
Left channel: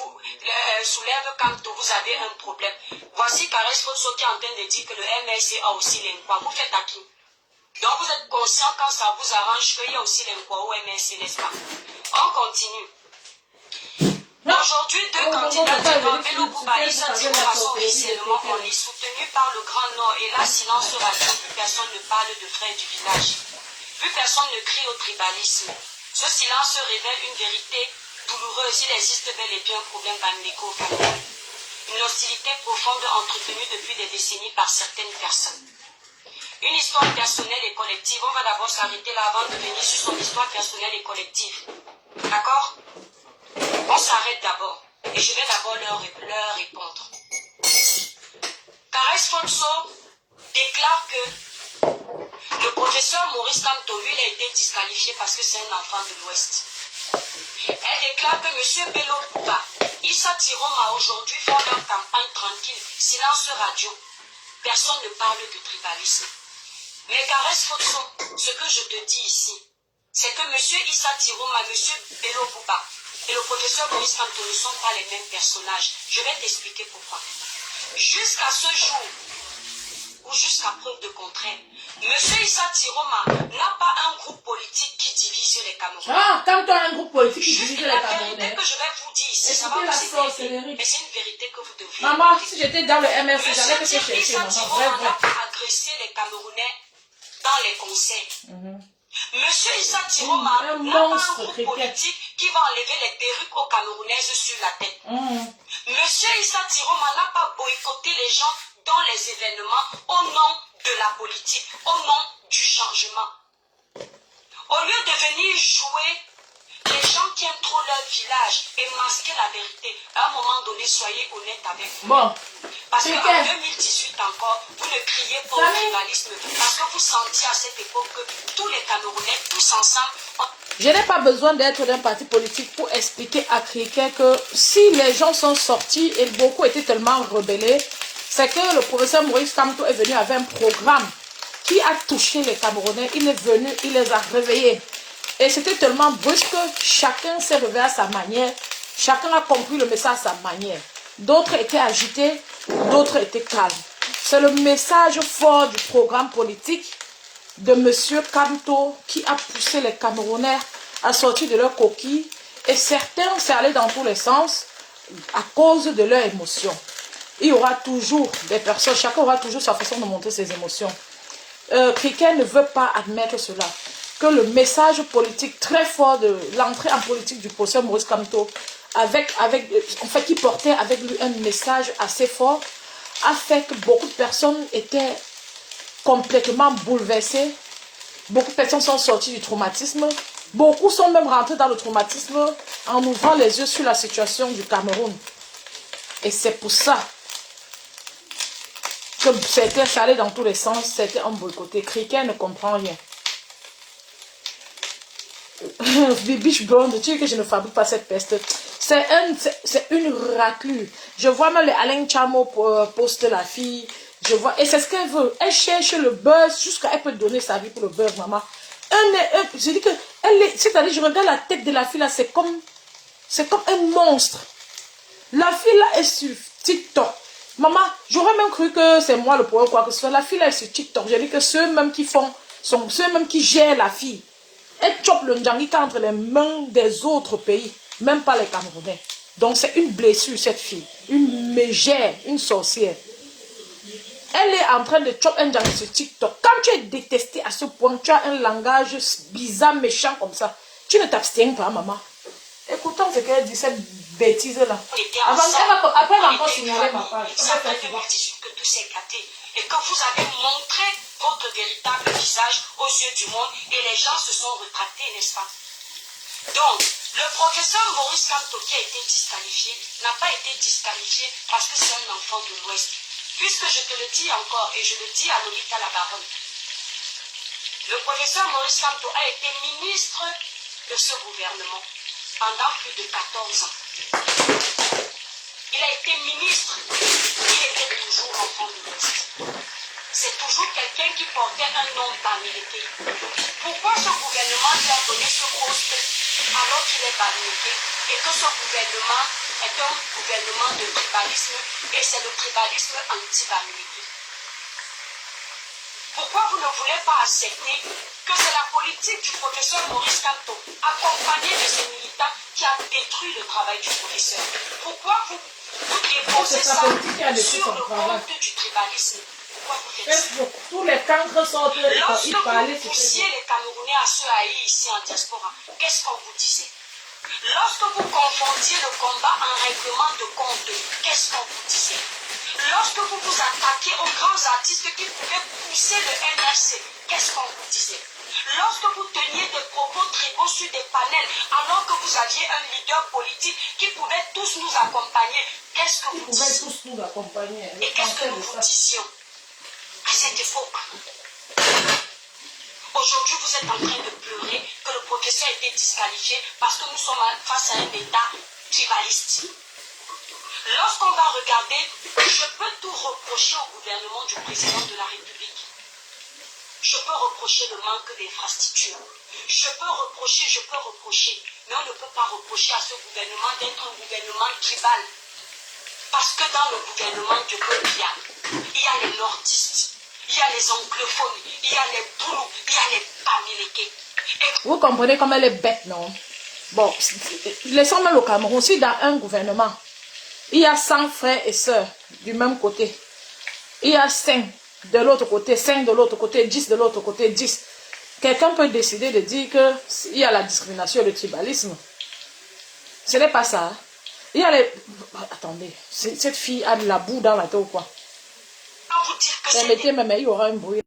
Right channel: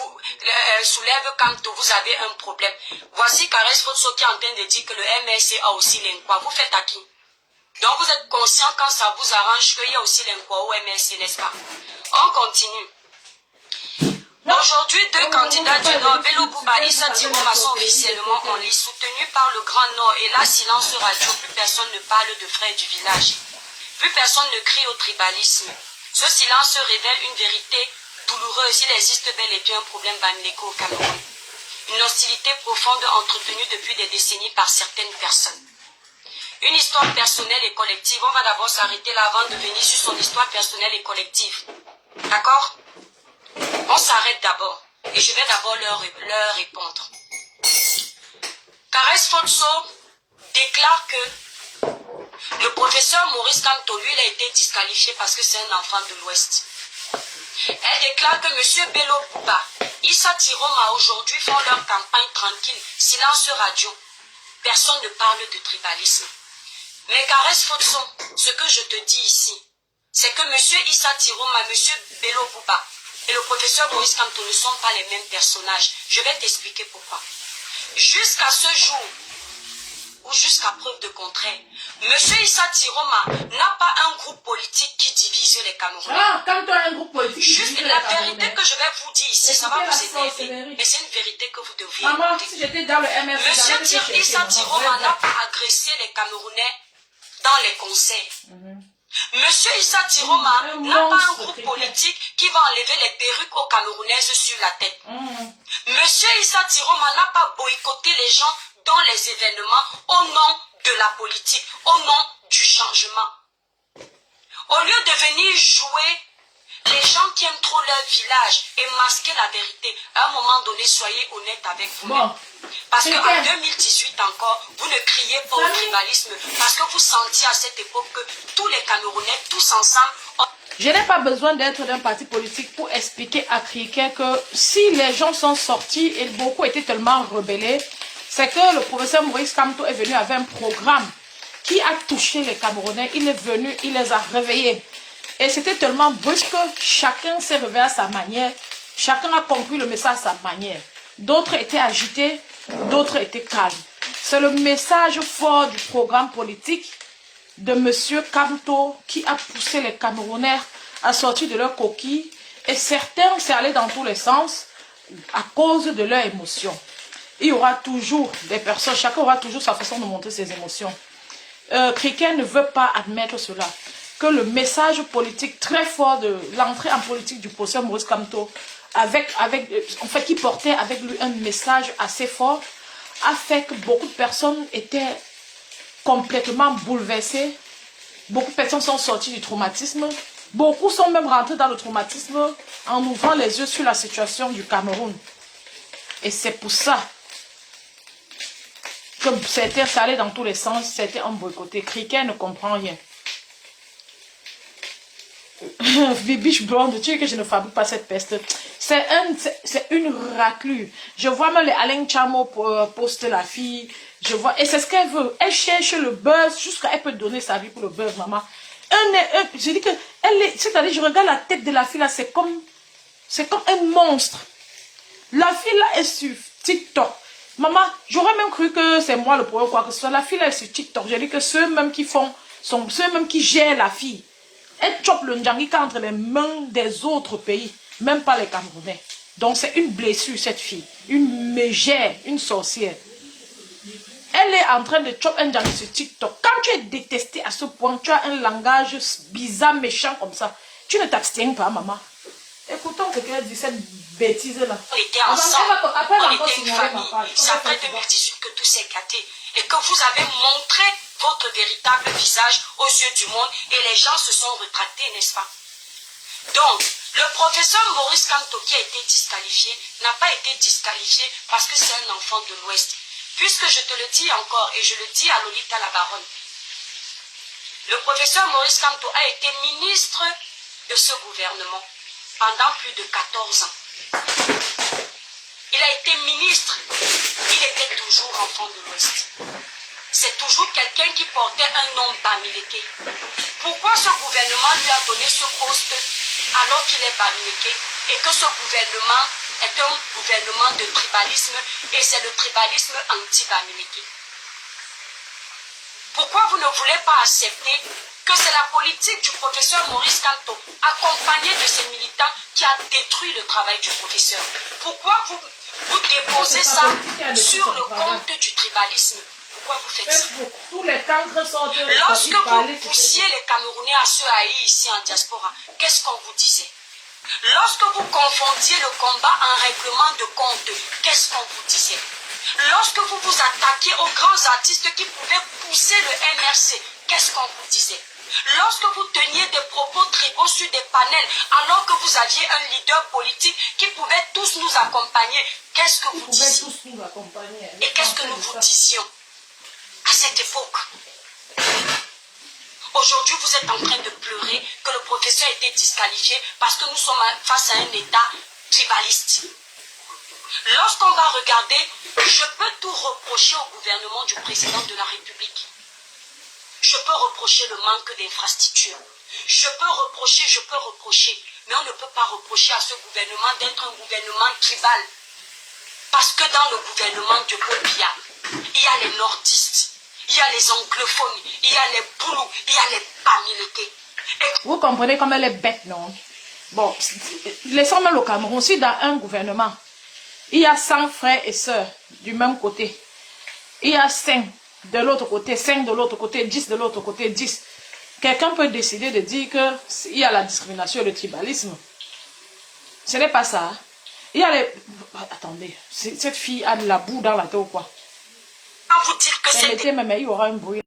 soulèvent Kamto, vous avez un problème. Voici Caresse Potso qui est en train de dire que le MRC a aussi l'Inkwa. Vous faites à qui? Donc vous êtes conscient quand ça vous arrange qu'il y a aussi l'Inkwa au MRC, n'est-ce pas? On continue. Aujourd'hui, deux candidats du Nord, Bello Bouba et Issa Tiroma, sont officiellement en liste, soutenus par le Grand Nord. Et là, silence radio, plus personne ne parle de frères du village. Plus personne ne crie au tribalisme. Ce silence révèle une vérité douloureuse. Il existe bel et bien un problème bamileko au Cameroun. Une hostilité profonde entretenue depuis des décennies par certaines personnes. Une histoire personnelle et collective. On va d'abord s'arrêter là avant de venir sur son histoire personnelle et collective. D'accord? On s'arrête d'abord. Et je vais d'abord leur répondre. Caresse Potso déclare que le professeur Maurice Kamto, lui, il a été disqualifié parce que c'est un enfant de l'Ouest. Elle déclare que M. Bello Bouba, Issa Tiroma aujourd'hui font leur campagne tranquille, silence radio. Personne ne parle de tribalisme. Mais Caresse Potso, ce que je te dis ici, c'est que M. Issa Tiroma, M. Bello Bouba et le professeur Maurice Kamto ne sont pas les mêmes personnages. Je vais t'expliquer pourquoi. Jusqu'à ce jour, ou jusqu'à preuve de contraire, Monsieur Issa Tiroma n'a pas un groupe politique qui divise les Camerounais. Ah, quand tu as un groupe politique qui divise les La Camerounais. vérité que je vais vous dire ici, ça va vous énerver, mais c'est une vérité que vous devriez. Maman, si j'étais dans le MRC, j'allais te Monsieur chercher, Issa maman. Tiroma n'a pas agressé les Camerounais dans les conseils. Monsieur Issa Tiroma n'a pas un groupe politique qui va enlever les perruques aux Camerounaises sur la tête. Monsieur Issa Tiroma n'a pas boycotté les gens dans les événements au nom de la politique, au nom du changement. Au lieu de venir jouer les gens qui aiment trop leur village et masquer la vérité, à un moment donné, soyez honnête avec vous. Bon. Parce qu'en 2018 encore, vous ne criez pas au tribalisme parce que vous sentiez à cette époque que tous les Camerounais, tous ensemble... Je n'ai pas besoin d'être d'un parti politique pour expliquer à Criquet que si les gens sont sortis et beaucoup étaient tellement rebellés, c'est que le professeur Maurice Kamto est venu avec un programme qui a touché les Camerounais. Il est venu, il les a réveillés. Et c'était tellement brusque que chacun s'est réveillé à sa manière. Chacun a compris le message à sa manière. D'autres étaient agités, d'autres étaient calmes. C'est le message fort du programme politique de M. Kamto qui a poussé les Camerounais à sortir de leur coquille. Et certains s'est allé dans tous les sens à cause de leurs émotions. Il y aura toujours des personnes, chacun aura toujours sa façon de montrer ses émotions. Criquet ne veut pas admettre cela. Que le message politique très fort de l'entrée en politique du professeur Maurice Kamto, en fait, qui portait avec lui un message assez fort, a fait que beaucoup de personnes étaient complètement bouleversées. Beaucoup de personnes sont sorties du traumatisme. Beaucoup sont même rentrés dans le traumatisme en ouvrant les yeux sur la situation du Cameroun. Et c'est pour ça que c'était salé dans tous les sens, c'était un boycotté. Criquet ne comprend rien. Bibiche blonde, tu sais que je ne fabrique pas cette peste. C'est une raclure. Je vois même Alain Chamo poster la fille. Je vois, et c'est ce qu'elle veut. Elle cherche le buzz jusqu'à elle peut donner sa vie pour le buzz, maman. Je dis que c'est-à-dire, je regarde la tête de la fille là, c'est comme un monstre. La fille là est sur TikTok. Maman, j'aurais même cru que c'est moi le problème, quoi que ce soit. La fille là est sur TikTok. J'ai dit que ceux même qui ceux même qui gèrent la fille. Elle chope le Ndjangika entre les mains des autres pays, même pas les Camerounais. Donc c'est une blessure, cette fille. Une mégère, une sorcière. Elle est en train de choper un Ndjangika sur TikTok. Quand tu es détesté à ce point, tu as un langage bizarre, méchant comme ça, tu ne t'abstiens pas, maman. Écoutons ce qu'elle dit, cette bêtise-là. Après, elle va encore signaler ma page. C'est après 2018 que tout s'est éclaté et que vous avez montré votre véritable visage aux yeux du monde et les gens se sont rétractés, n'est-ce pas? Donc, le professeur Maurice Kamto qui a été disqualifié n'a pas été disqualifié parce que c'est un enfant de l'Ouest. Puisque je te le dis encore et je le dis à Lolita la Baronne, le professeur Maurice Kamto a été ministre de ce gouvernement pendant plus de 14 ans. Il a été ministre, il était toujours enfant de l'Ouest. C'est toujours quelqu'un qui portait un nom bamileke. Pourquoi ce gouvernement lui a donné ce poste alors qu'il est bamileke et que ce gouvernement est un gouvernement de tribalisme et c'est le tribalisme anti-bamileke? Pourquoi vous ne voulez pas accepter que c'est la politique du professeur Maurice Kamto, accompagné de ses militants, qui a détruit le travail du professeur? Pourquoi vous déposez ça sur le compte du tribalisme? Pourquoi vous faites ça? Tous les cancres sont Lorsque vous poussiez les Camerounais à se haïr ici en diaspora, qu'est-ce qu'on vous disait? Lorsque vous confondiez le combat en règlement de compte, qu'est-ce qu'on vous disait? Lorsque vous vous attaquiez aux grands artistes qui pouvaient pousser le MRC, qu'est-ce qu'on vous disait? Lorsque vous teniez des propos tribaux sur des panels, alors que vous aviez un leader politique qui pouvait tous nous accompagner, qu'est-ce que vous disiez? Et qu'est-ce que nous vous disions à cette époque? Aujourd'hui, vous êtes en train de pleurer que le professeur a été disqualifié parce que nous sommes face à un État tribaliste. Lorsqu'on va regarder, je peux tout reprocher au gouvernement du président de la République. Je peux reprocher le manque d'infrastructures. Je peux reprocher, mais on ne peut pas reprocher à ce gouvernement d'être un gouvernement tribal. Parce que dans le gouvernement de Bobia, il y a les nordistes, il y a les anglophones, il y a les boulous, il y a les pamilekés. Vous comprenez comme elle est bête, non? Bon, laissons-nous le Cameroun. Si dans un gouvernement, il y a 100 frères et sœurs du même côté, il y a 5 de l'autre côté, 5 de l'autre côté, 10 de l'autre côté, 10. Quelqu'un peut décider de dire qu'il y a la discrimination et le tribalisme. Ce n'est pas ça. Il y a les... Attendez, cette fille a de la boue dans la tête ou quoi? Je vais vous dire que c'est... Mettez même, il y aura un bruit.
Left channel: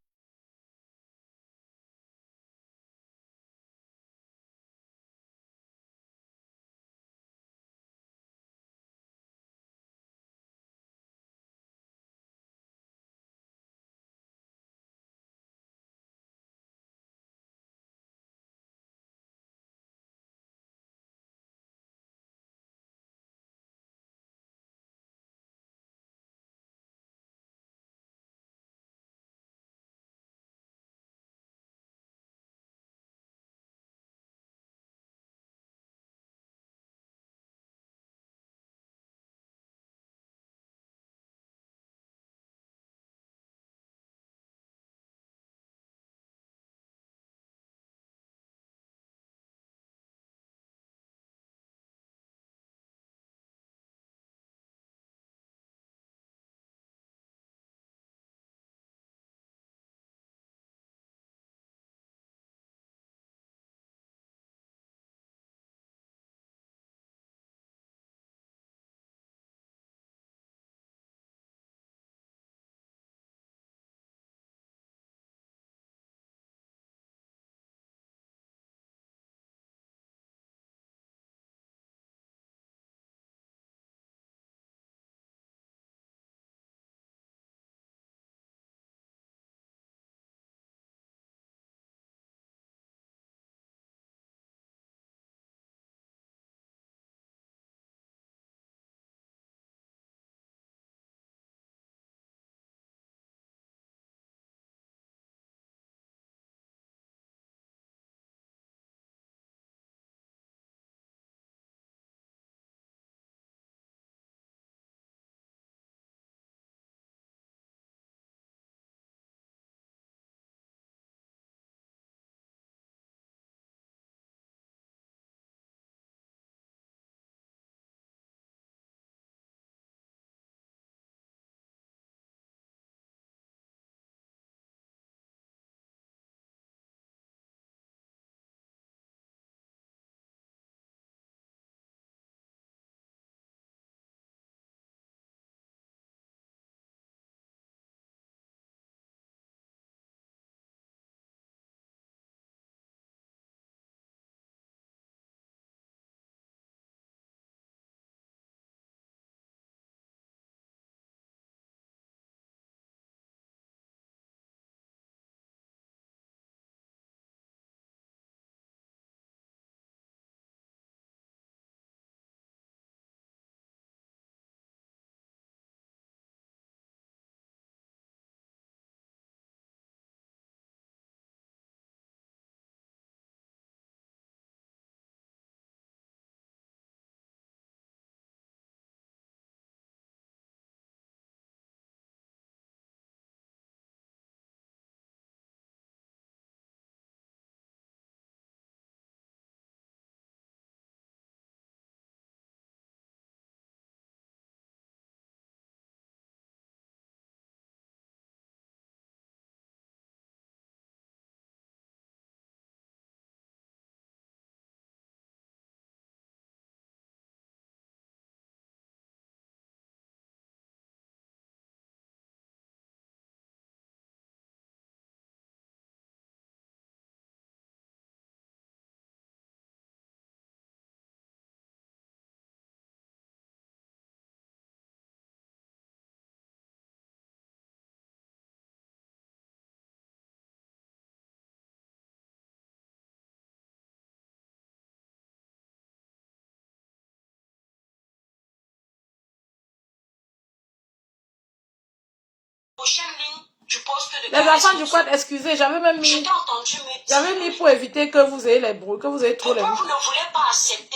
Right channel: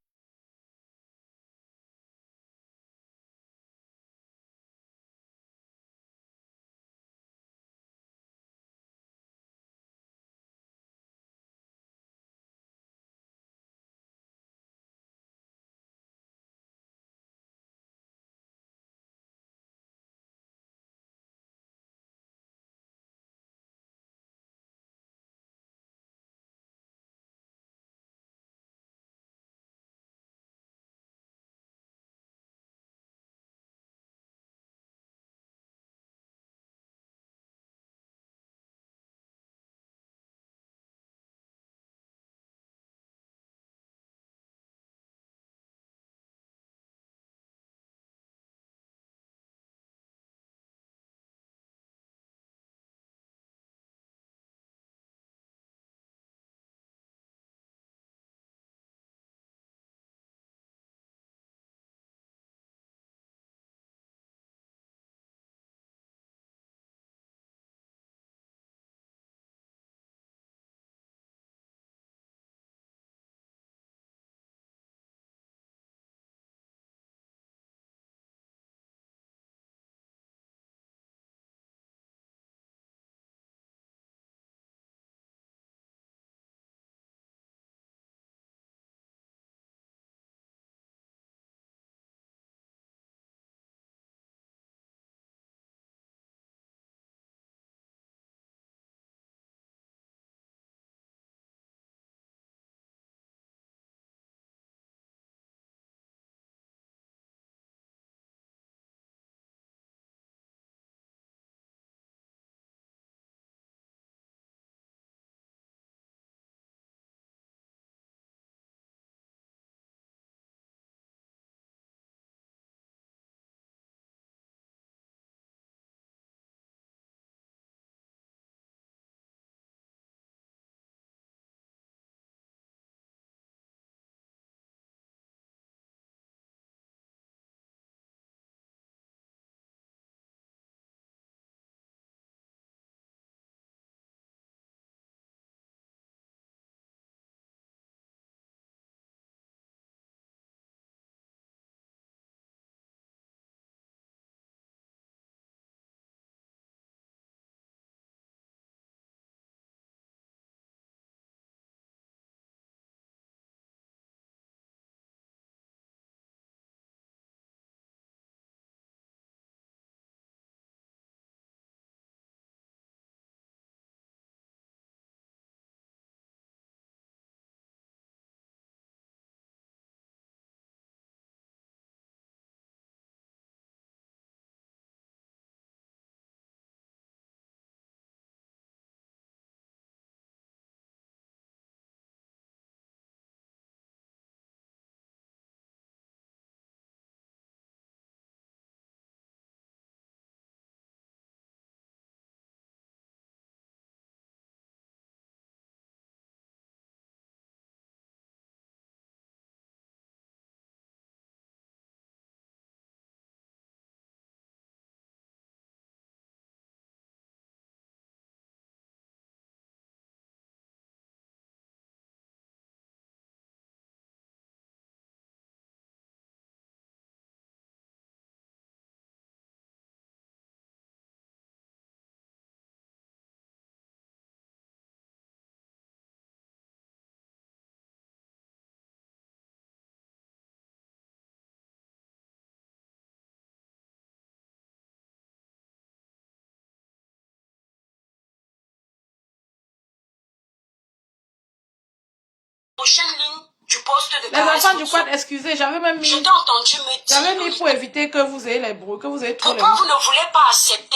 Prochaine ligne du poste de Les enfants du quad, excusez, j'avais même mis... Je t'ai entendu me dire... J'avais mis pour éviter que vous ayez les bruits, que vous ayez trop les... Pourquoi vous ne voulez pas accepter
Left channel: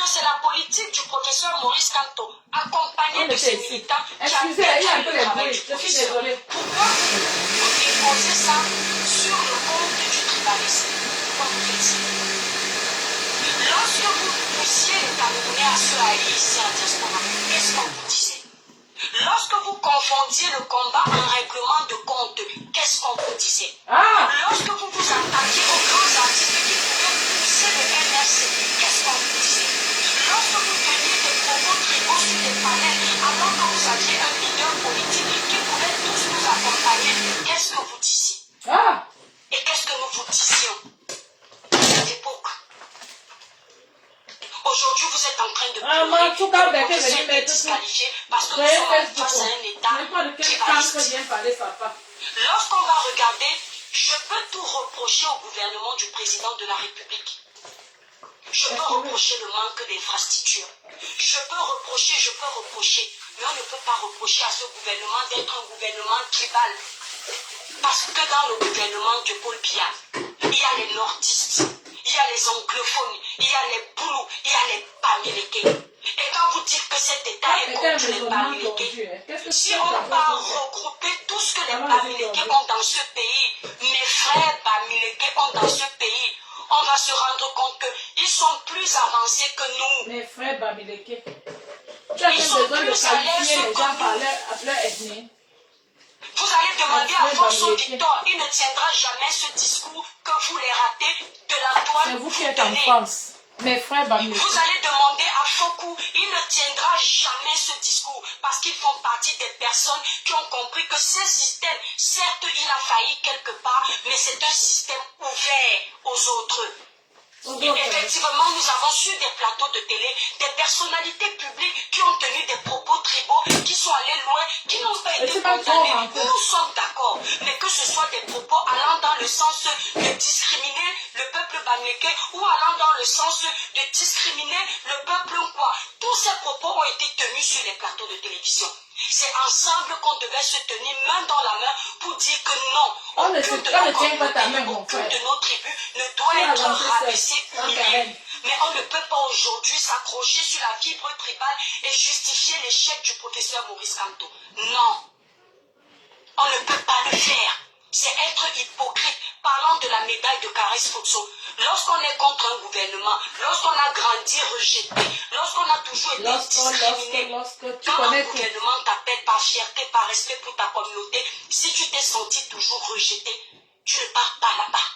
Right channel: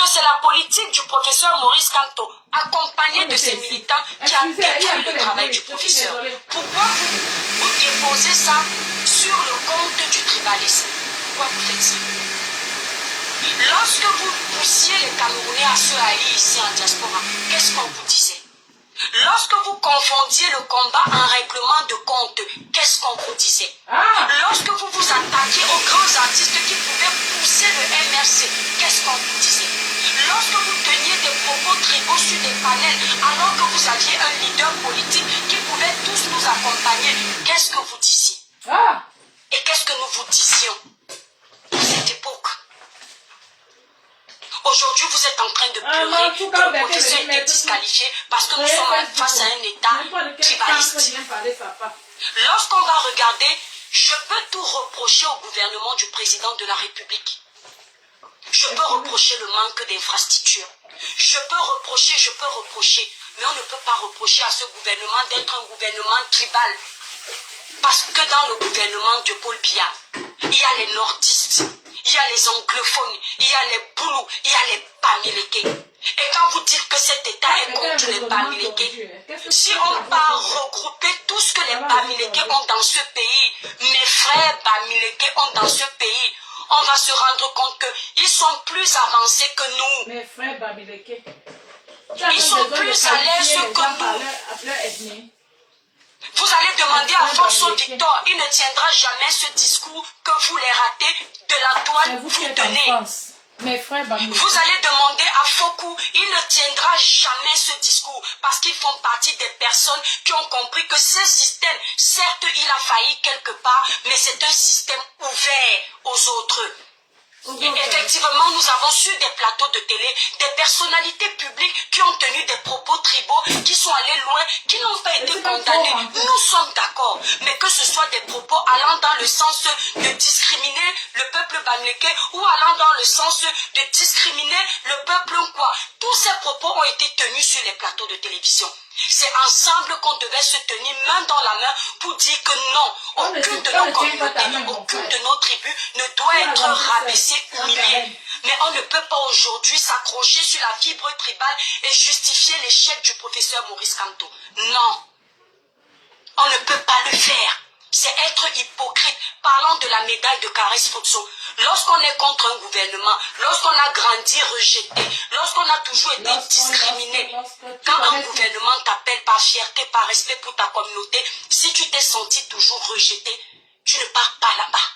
que c'est la politique du professeur Maurice Kamto, accompagné de ses militants, qui a détruit le travail du professeur. Pourquoi vous déposez ça sur le compte du tribalisme? Pourquoi vous faites ça? Lorsque vous poussiez les Camerounais à se allier ici en diaspora, qu'est-ce qu'on vous disait? Lorsque vous confondiez le combat en règlement de compte, qu'est-ce qu'on vous disait? Lorsque vous vous attaquiez aux grands artistes qui pouvaient pousser le MRC, qu'est-ce qu'on vous disait? Lorsque vous teniez des propos tribaux sur des panels, alors que vous aviez un leader politique qui pouvait tous nous accompagner, qu'est-ce que vous disiez? Et qu'est-ce que nous vous disions à cette époque? Aujourd'hui, vous êtes en train de pleurer que le professeur est disqualifié parce que nous sommes face à un État tribaliste. Lorsqu'on va regarder, je peux tout reprocher au gouvernement du président de la République. Je peux reprocher le manque d'infrastructures. Je peux reprocher, mais on ne peut pas reprocher à ce gouvernement d'être un gouvernement tribal. Parce que dans le gouvernement de Paul Biya, il y a les nordistes, il y a les anglophones, il y a les boulous, il y a les Bamileke. Et quand vous dites que cet État est contre les Bamileke, si on va regrouper tout ce que les Bamileke ont dans ce pays, mes frères Bamileke ont dans ce pays, on va se rendre compte qu'ils sont plus avancés que nous. Mes frères Bamileke. Ils sont plus à l'aise que nous. Vous allez demander à François Victor, il ne tiendra jamais ce discours que vous les ratez de la toile vous qui vous êtes en donnez. France. Mes frères Bamileke. Vous allez demander à Fokou, il ne tiendra jamais ce discours parce qu'ils font partie des personnes qui ont compris que ce système, certes, il a failli quelque part, mais c'est un système ouvert aux autres. Et effectivement, nous avons sur des plateaux de télé des personnalités publiques qui ont tenu des propos tribaux, qui sont allés loin, qui n'ont pas été condamnés. Nous sommes d'accord, mais que ce soit des propos allant dans le sens de discriminer le peuple bamileke ou allant dans le sens de discriminer le peuple quoi. Tous ces propos ont été tenus sur les plateaux de télévision. C'est ensemble qu'on devait se tenir main dans la main pour dire que non, aucune de nos communautés, aucune de nos tribus ne doit être rabaissée, humiliée. Mais on ne peut pas aujourd'hui s'accrocher sur la fibre tribale et justifier l'échec du professeur Maurice Kamto. Non, on ne peut pas le faire. C'est être hypocrite. Parlons de la médaille de Caresse Fotso. Lorsqu'on est contre un gouvernement, lorsqu'on a grandi rejeté, lorsqu'on a toujours été discriminé, quand un gouvernement t'appelle par fierté, par respect pour ta communauté, si tu t'es senti toujours rejeté, tu ne pars pas là-bas.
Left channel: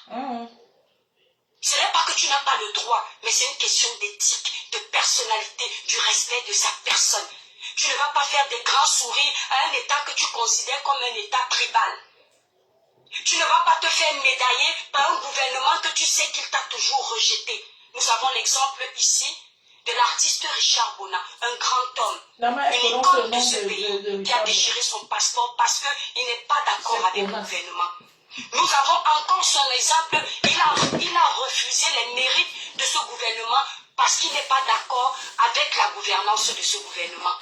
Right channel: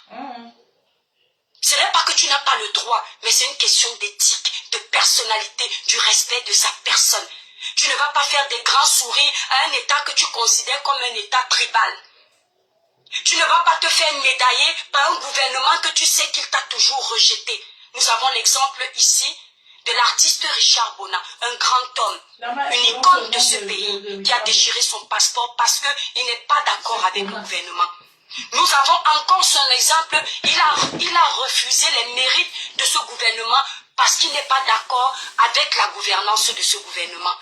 Ce n'est pas que tu n'as pas le droit, mais c'est une question d'éthique, de personnalité, du respect de sa personne. Tu ne vas pas faire des grands sourires à un État que tu considères comme un État tribal. Tu ne vas pas te faire médailler par un gouvernement que tu sais qu'il t'a toujours rejeté. Nous avons l'exemple ici de l'artiste Richard Bona, un grand homme, une icône de ce pays qui a déchiré son passeport parce qu'il n'est pas d'accord avec le gouvernement. Nous avons encore son exemple, il a refusé les mérites de ce gouvernement parce qu'il n'est pas d'accord avec la gouvernance de ce gouvernement.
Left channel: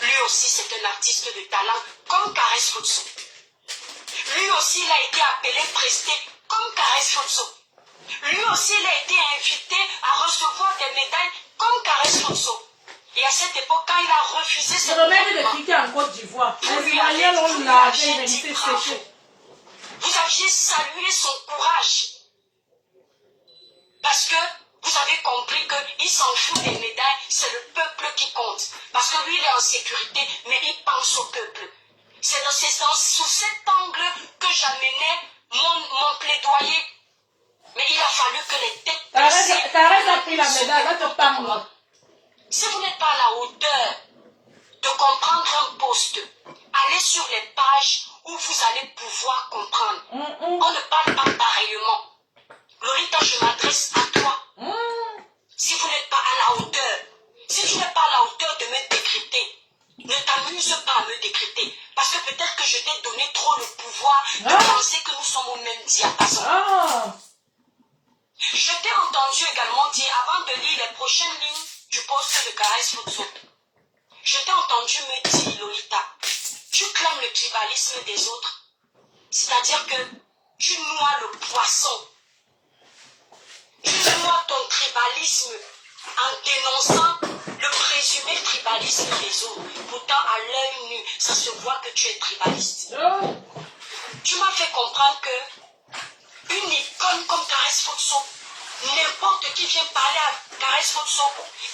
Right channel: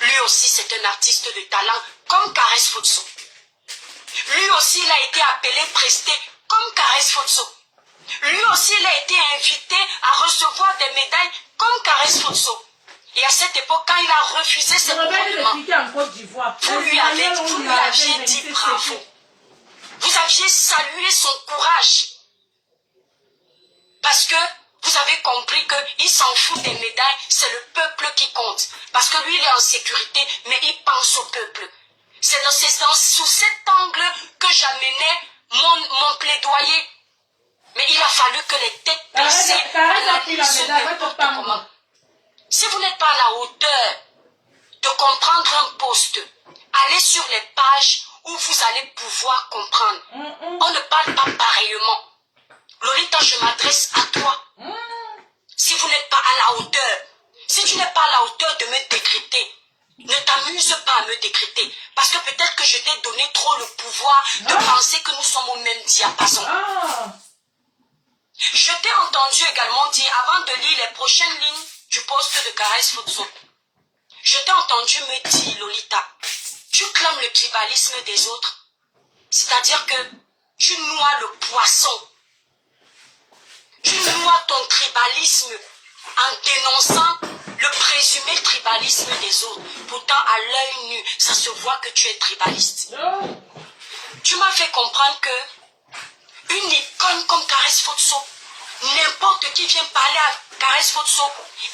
Lui aussi c'est un artiste de talent comme Caresse Fotso. Lui aussi, il a été appelé presté comme Caresse Fotso. Lui aussi, il a été invité à recevoir des médailles comme Caresse Fotso. Et à cette époque, quand il a refusé ce gouvernement, vous lui aviez dit bravo. Vous aviez salué son courage. Parce que vous avez compris qu'il s'en fout des médailles, c'est le peuple qui compte. Parce que lui, il est en sécurité, mais il pense au peuple. C'est sous cet angle que j'amenais mon plaidoyer. Mais il a fallu que les têtes baissées... Si vous n'êtes pas à la hauteur de comprendre un poste, allez sur les pages où vous allez pouvoir comprendre. On ne parle pas pareillement. Lolita, je m'adresse à toi. Si vous n'êtes pas à la hauteur, si tu n'es pas à la hauteur de me décrypter, ne t'amuse pas à me décrypter. Parce que peut-être que je t'ai donné trop le pouvoir de penser que nous sommes au même diapason. Je t'ai entendu également dire, avant de lire les prochaines lignes du poste de Caresse Fotso, je t'ai entendu me dire, Lolita, tu clames le tribalisme des autres. C'est-à-dire que tu noies le poisson. Tu noies ton tribalisme en dénonçant le présumé tribalisme des autres. Pourtant, à l'œil nu, ça se voit que tu es tribaliste. Tu m'as fait comprendre que une icône comme Caresse Fotso, n'importe qui vient parler à Caresse Fotso,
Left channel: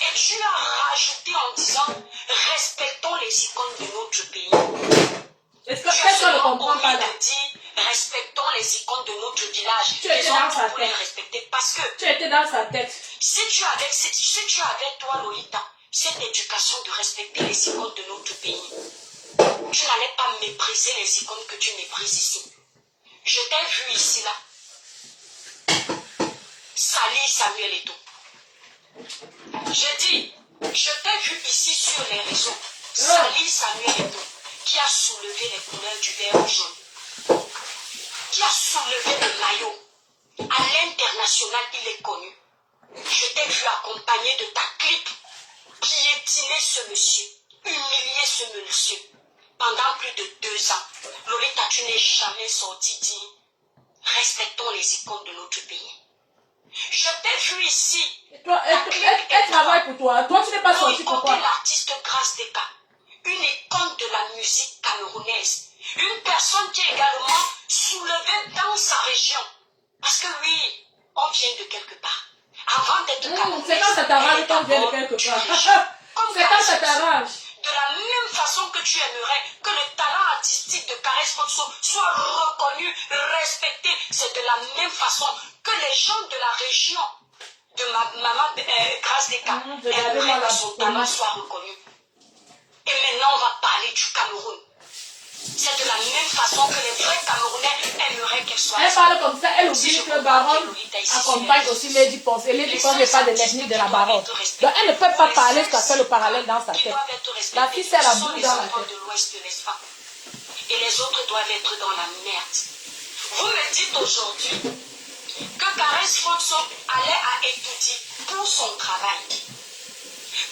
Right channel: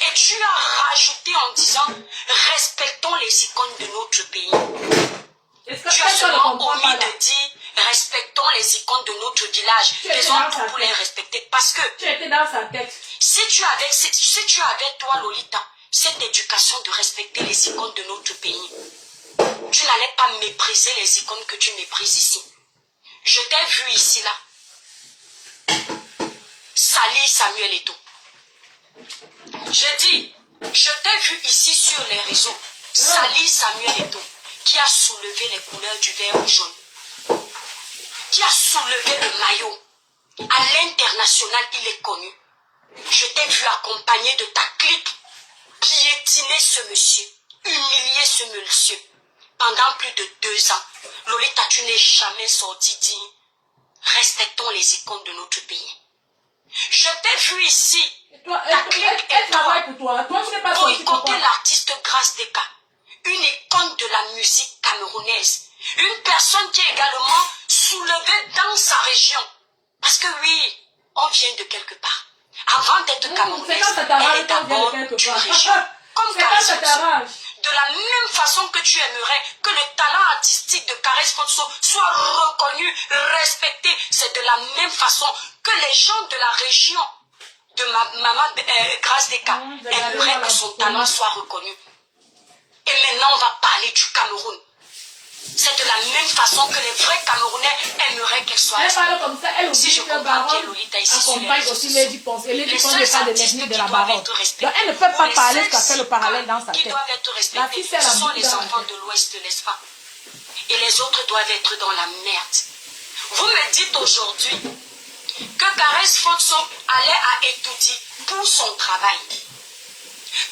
et tu as rajouté en disant respectons les icônes de notre pays. Tu as seulement omis de dire respectons les icônes de notre village. Les autres pour les respecter. Parce que tu étais dans sa tête. Si tu avais toi, Lolita, cette éducation de respecter les icônes de notre pays, tu n'allais pas mépriser les icônes que tu méprises ici. Je t'ai vu ici, là. Salir Samuel Eto'o. Je dis, je t'ai vu ici sur les réseaux. Salir Samuel Eto'o, qui a soulevé les couleurs du vert et jaune. Qui a soulevé le maillot. À l'international, il est connu. Je t'ai vu accompagné de ta clique, piétiner ce monsieur, humilier ce monsieur. Pendant plus de 2 ans, Lolita, tu n'es jamais sorti digne. Respectons les icônes de notre pays. Je t'ai vu ici. Elle travaille pour toi. Toi, tu n'es pas sorti pour toi. L'artiste Grâce Deka, une icône de la musique camerounaise. Une personne qui est également soulevée dans sa région. Parce que oui, on vient de quelque part. Avant d'être camerounaise, c'est quand ça t'arrange qu'on vient de quelque part. Comme c'est quand ça t'arrange. De la même façon que tu aimerais que le talent artistique de Caresse Fotso soit reconnu, respecté, c'est de la même façon que les gens de la région de maman Grâce Deka aimeraient que son talent soit reconnu. Et maintenant, on va parler du Cameroun. C'est de la même façon que les vrais Camerounais aimeraient qu'elle soit. Elle parle comme ça, elle oublie que Baronne accompagne aussi Lady Ponce. Et Lady Ponce n'est pas de l'ethnie de la Baronne. Donc elle ne peut pas parler parce qu'elle fait le parallèle dans sa tête. La fille, c'est la boule dans la tête. De l'Ouest, n'est-ce pas? Et les autres doivent être dans la merde. Vous me dites aujourd'hui que Caresse Fotso allait à Etoudi pour son travail.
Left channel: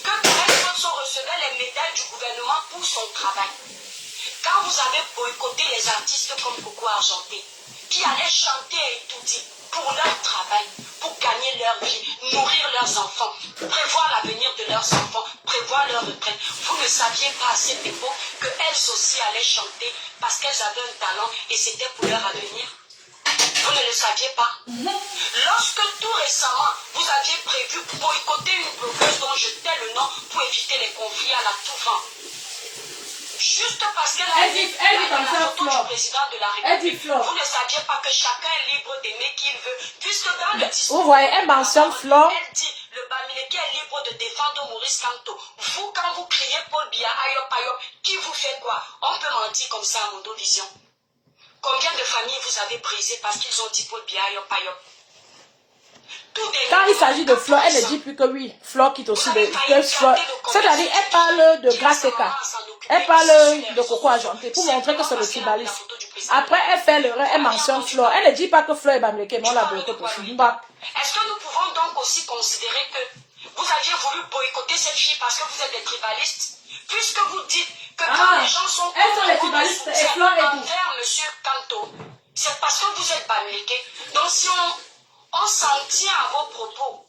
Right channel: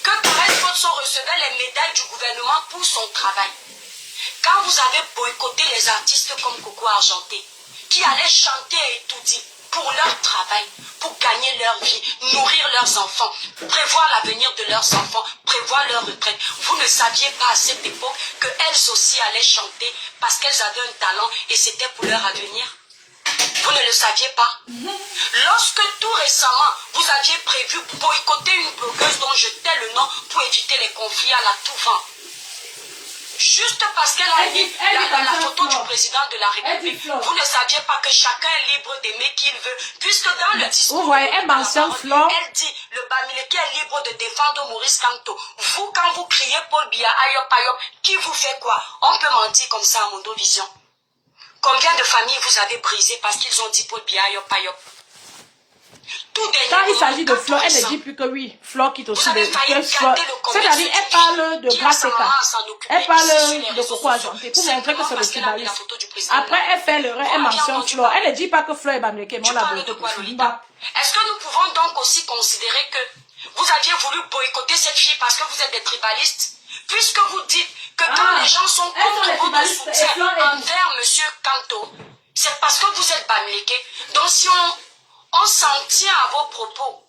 Que Caresse Fotso recevait les médailles du gouvernement pour son travail. Quand vous avez boycotté les artistes comme Coco Argenté, qui allaient chanter à Etoudi pour leur travail, pour gagner leur vie, nourrir leurs enfants, prévoir l'avenir de leurs enfants, prévoir leur retraite, vous ne saviez pas à cette époque qu'elles aussi allaient chanter parce qu'elles avaient un talent et c'était pour leur avenir? Vous ne le saviez pas? Lorsque tout récemment, vous aviez prévu boycotter une blogueuse dont je tais le nom pour éviter les conflits à la tout vent, juste parce qu'elle a mis la photo du président de la République, vous ne saviez pas que chacun est libre d'aimer qui il veut, puisque dans le discours, vous voyez, elle mentionne Flore. Elle dit, le Bamileke est libre de défendre Maurice Kamto. Vous, quand vous criez Paul Biya, Ayop, Ayop, qui vous fait quoi? On peut mentir comme ça à Mondo Vision. Combien de familles vous avez brisées parce qu'ils ont dit Paul Biya, Ayop, Ayop? Quand il s'agit de Flore, elle ne dit plus que oui. Flore quitte aussi de Flore. C'est-à-dire, elle parle de Grâce Deka. Elle parle de Coco Argenté pour montrer que c'est le tribaliste. Après, elle fait l'erreur, elle mentionne Flore. Elle ne dit pas que Flore est Bamileke, mais on la boycotte aussi. Est-ce que nous pouvons donc aussi considérer que vous aviez voulu boycotter cette fille parce que vous êtes des tribalistes? Puisque vous dites que quand les gens sont contre votre soutien envers M. Kamto, c'est parce que vous êtes Bamileke. Donc si on s'en tient à vos propos,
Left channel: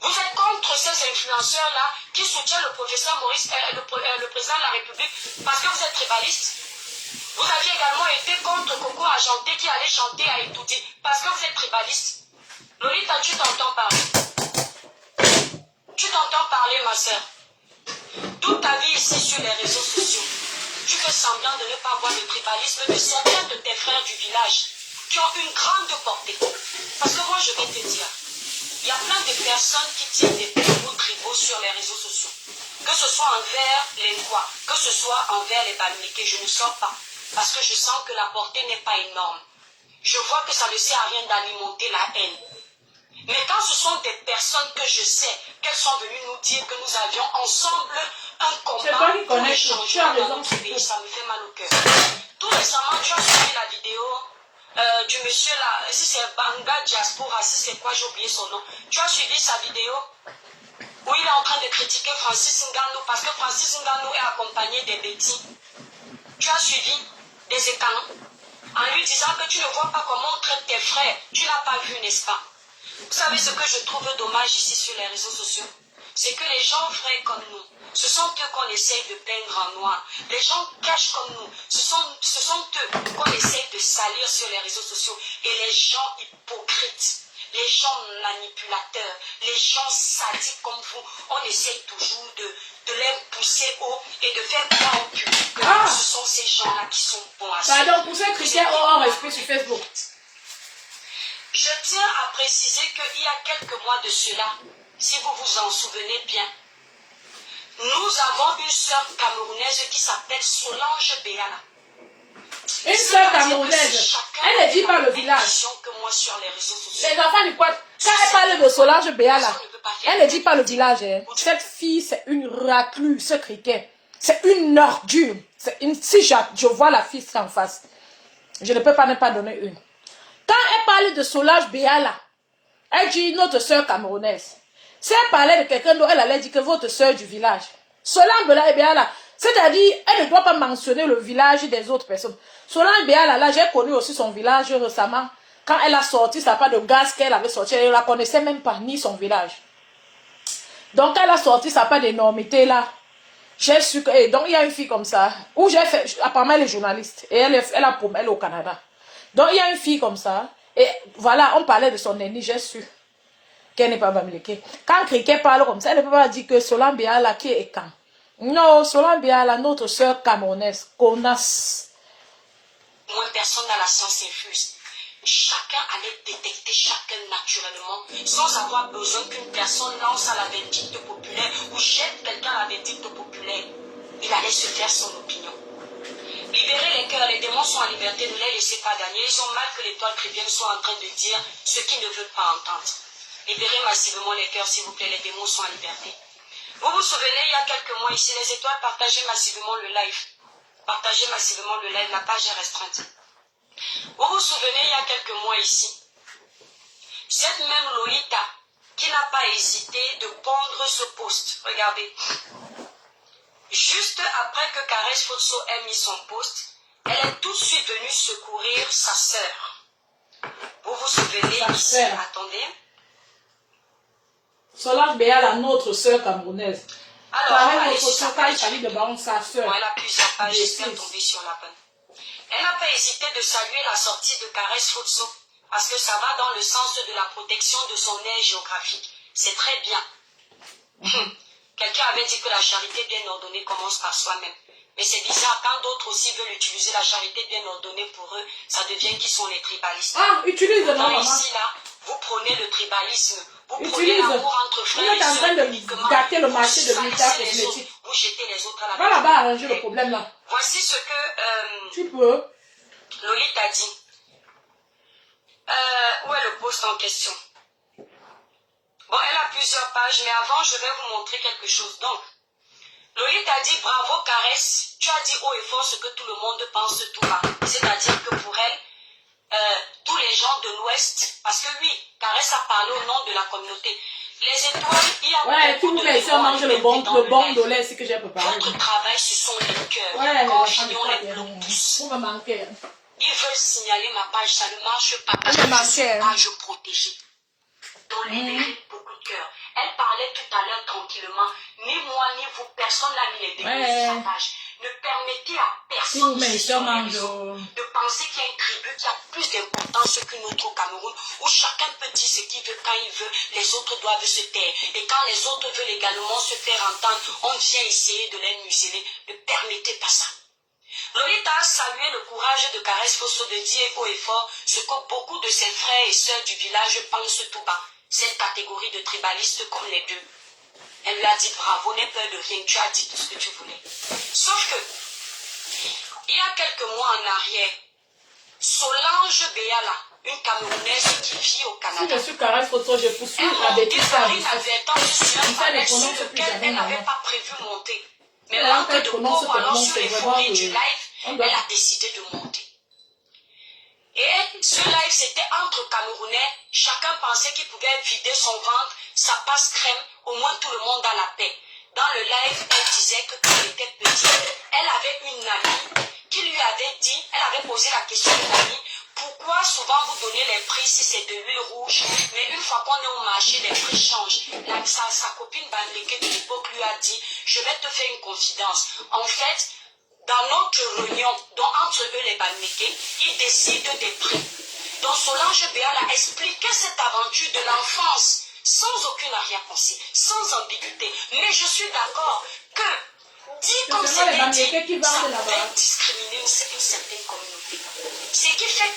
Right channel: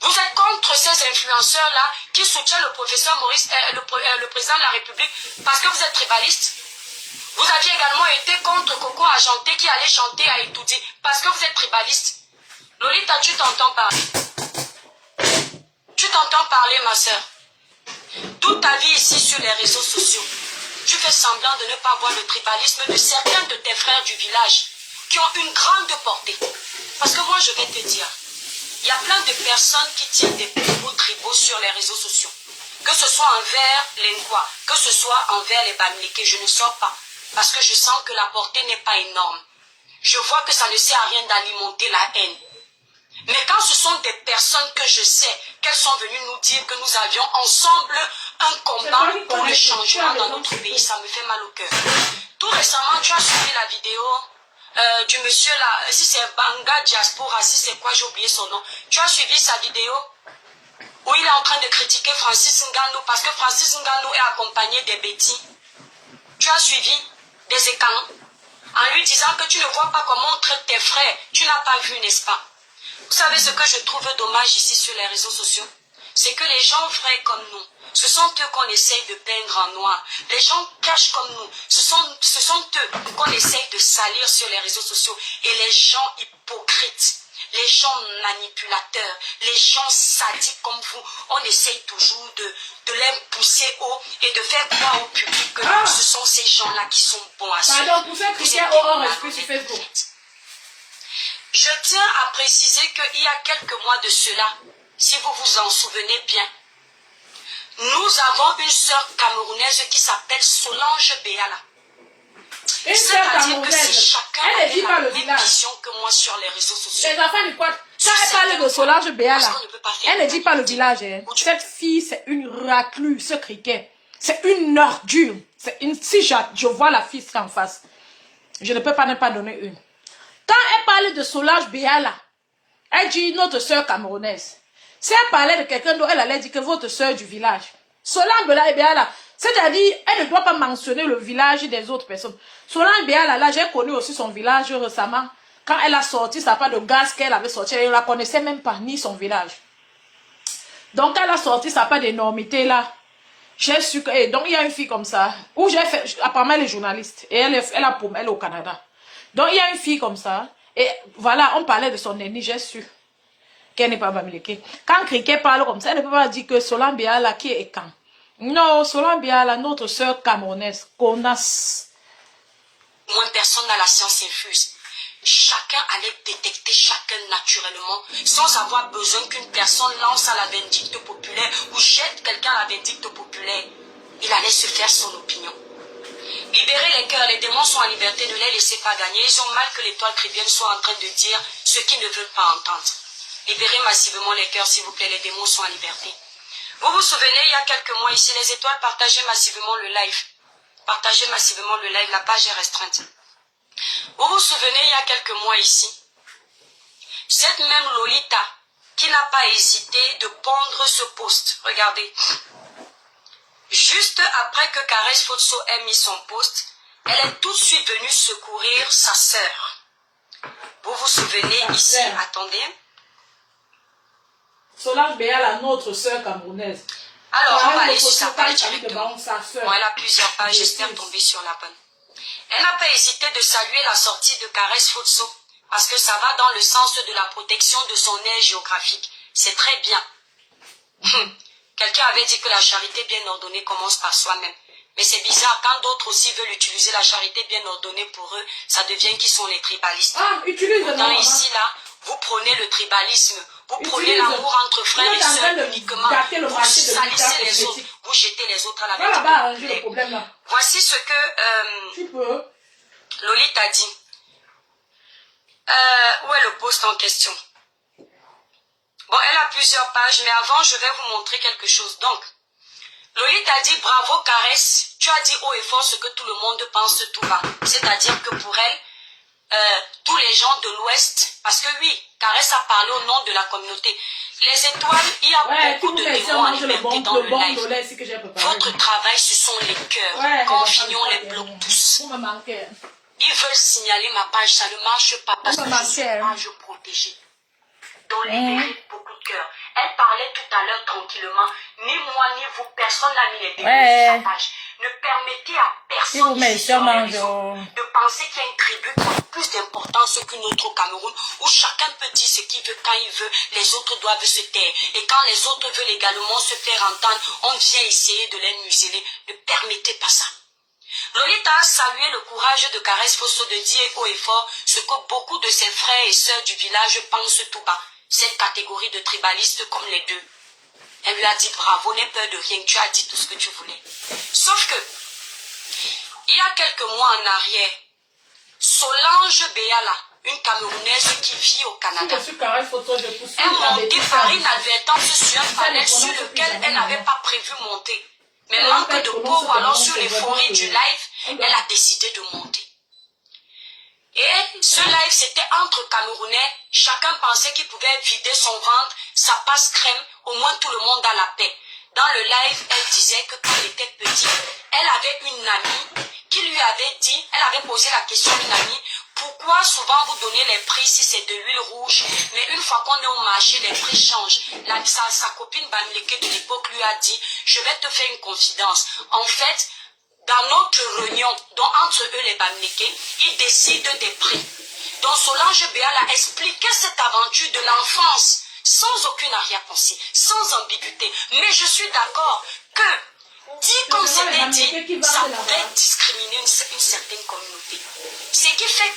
vous êtes contre ces influenceurs-là qui soutiennent le professeur Maurice, le président de la République, parce que vous êtes tribaliste. Vous aviez également été contre Coco Argenté qui allait chanter à Etoudi, parce que vous êtes tribaliste. Lolita, tu t'entends parler? Tu t'entends parler, ma soeur? Toute ta vie ici sur les réseaux sociaux, tu fais semblant de ne pas voir le tribalisme de certains de tes frères du village qui ont une grande portée. Parce que moi, je vais te dire, il y a plein de personnes qui tiennent des propos tribaux sur les réseaux sociaux. Que ce soit envers les Ngois, que ce soit envers les Bamileke, je ne sors pas. Parce que je sens que la portée n'est pas énorme. Je vois que ça ne sert à rien d'alimenter la haine. Mais quand ce sont des personnes que je sais qu'elles sont venues nous dire que nous avions ensemble un combat pour le changement dans notre pays, ça me fait mal au cœur. Tout récemment, tu as suivi la vidéo du monsieur là, si c'est Banga Diaspora, si c'est quoi, j'ai oublié son nom. Tu as suivi sa vidéo où il est en train de critiquer Francis Ngannou parce que Francis Ngannou est accompagné des bêtis. Tu as suivi des écans en lui disant que tu ne vois pas comment on traite tes frères. Tu n'as pas vu, n'est-ce pas? Vous savez ce que je trouve dommage ici sur les réseaux sociaux? c'est que les gens vrais comme nous, ce sont eux qu'on essaye de peindre en noir. Les gens cachent comme nous, ce sont eux qu'on essaye de salir sur les réseaux sociaux. Et les gens hypocrites, les gens manipulateurs, les gens sadiques comme vous, on essaye toujours de les pousser haut et de faire croire au public que ce sont ces gens-là qui sont bons à suivre. Pardon, pour ça, Christian, hors esprit sur Facebook. Je tiens à préciser qu'il y a quelques mois de cela, si vous vous en souvenez bien, nous avons une sœur camerounaise qui s'appelle Solange Béala. Une sœur camerounaise. Elle ne dit pas le village. Que moi sur les réseaux sociaux. Les enfants du quoi? Quand elle parle de Solange Béala, elle ne dit pas le village. Hein. Cette fille, c'est une raclure, ce criquet. C'est une ordure. Si je vois la fille en face, je ne peux pas ne pas donner une. Quand elle parle de Solange Béala, elle dit notre sœur camerounaise. Si elle parlait de quelqu'un d'autre, elle allait dire que votre sœur du village. Solange Béala, c'est-à-dire, elle ne doit pas mentionner le village des autres personnes. Solange Béala, là, j'ai connu aussi son village récemment. Quand elle a sorti sa part de gaz qu'elle avait sorti, elle ne la connaissait même pas, ni son village. Donc, elle a sorti sa part d'énormité, là. J'ai su que... donc, il y a une fille comme ça, où j'ai fait... Apparemment, elle est journaliste. Et elle est au Canada. Donc, il y a une fille comme ça. Et voilà, on parlait de son ennemi, j'ai su qu'elle n'est pas bamileke. Quand quelqu'un parle comme ça, elle ne peut pas dire que Solange Béala qui est quand. Non, Solange Béala, notre sœur camerounaise, connasse. Moins personne n'a la science infuse. Chacun allait détecter chacun naturellement, sans avoir besoin qu'une personne lance à la vindicte populaire ou jette quelqu'un à la vindicte populaire. Il allait se faire son opinion. Libérez les cœurs, les démons sont en liberté, ne les laissez pas gagner. Ils ont mal que l'étoile chrétienne soit en train de dire ce qu'ils ne veulent pas entendre. Libérez massivement les cœurs, s'il vous plaît, les démons sont en liberté. Vous vous souvenez, il y a quelques mois ici, les étoiles partageaient massivement le live. Partagez massivement le live, la page est restreinte. Vous vous souvenez, il y a quelques mois ici, cette même Lolita qui n'a pas hésité de pondre ce post. Regardez. Juste après que Caresse Fotso ait mis son post, elle est tout de suite venue secourir sa sœur. Vous vous souvenez ici, attendez. Solange Béala, notre sœur camerounaise. Alors, on va aller sur sa page. Elle a plusieurs pages, j'espère tomber sur la bonne. Elle n'a pas hésité de saluer la sortie de Caresse Fotso parce que ça va dans le sens de la protection de son aire géographique. C'est très bien. Quelqu'un avait dit que la charité bien ordonnée commence par soi-même. Mais c'est bizarre, quand d'autres aussi veulent utiliser la charité bien ordonnée pour eux, ça devient qui sont les tribalistes. Donc ici, là, vous prenez le tribalisme, vous prenez l'amour entre frères et sœurs uniquement, vous salissez les autres, vous jetez les autres à la vérité. Voici ce que Lolita a dit. Où est le post en question? Bon, elle a plusieurs pages, mais avant, je vais vous montrer quelque chose. Donc, Lolita a dit, bravo Caresse, tu as dit haut et fort ce que tout le monde pense tout bas. C'est-à-dire que pour elle, tous les gens de l'Ouest, parce que oui, Caresse a parlé au nom de la communauté. Les étoiles, il y a beaucoup de démons dans le live. Votre travail, ce sont les cœurs. Quand finit, on les bloque tous. Ils veulent signaler ma page, ça ne marche pas parce que je suis une page protégée. Donc, libérez beaucoup de cœur. Elle parlait tout à l'heure tranquillement. Ni moi, ni vous, personne n'a mis les démons sur sa page. Ne permettez à personne de penser qu'il y a une tribu qui a plus d'importance qu'une autre au Cameroun, où chacun peut dire ce qu'il veut quand il veut, les autres doivent se taire. Et quand les autres veulent également se faire entendre, on vient essayer de les museler. Ne permettez pas ça. Lolita a salué le courage de Caresse Fotso de dire haut et fort ce que beaucoup de ses frères et sœurs du village pensent tout bas. Cette catégorie de tribalistes comme les deux. Elle lui a dit bravo, n'aie peur de rien, tu as dit tout ce que tu voulais. Sauf que, il y a quelques mois en arrière, Solange Béala, une Camerounaise qui vit au Canada, elle montait par inadvertance sur un panel sur lequel elle n'avait pas prévu monter. Mais l'encre de pauvre, alors sur les fourris du live, elle a décidé de monter. Et ce live, c'était entre Camerounais. Chacun pensait qu'il pouvait vider son ventre, sa passe crème, au moins tout le monde a la paix. Dans le live, elle disait que quand elle était petite, elle avait une amie qui lui avait dit, elle avait posé la question à une amie, Pourquoi souvent vous donnez les prix si c'est de l'huile rouge, mais une fois qu'on est au marché, les prix changent. Sa copine Bamileke de l'époque lui a dit, je vais te faire une confidence. En fait, dans notre réunion, donc entre eux les Bamileke, ils décident des prix. Donc Solange Béal a expliqué cette aventure de l'enfance, sans aucune arrière-pensée, sans ambiguïté. Mais je suis d'accord que, dit comme c'était dit, ça peut discriminer une certaine communauté. Ce qui fait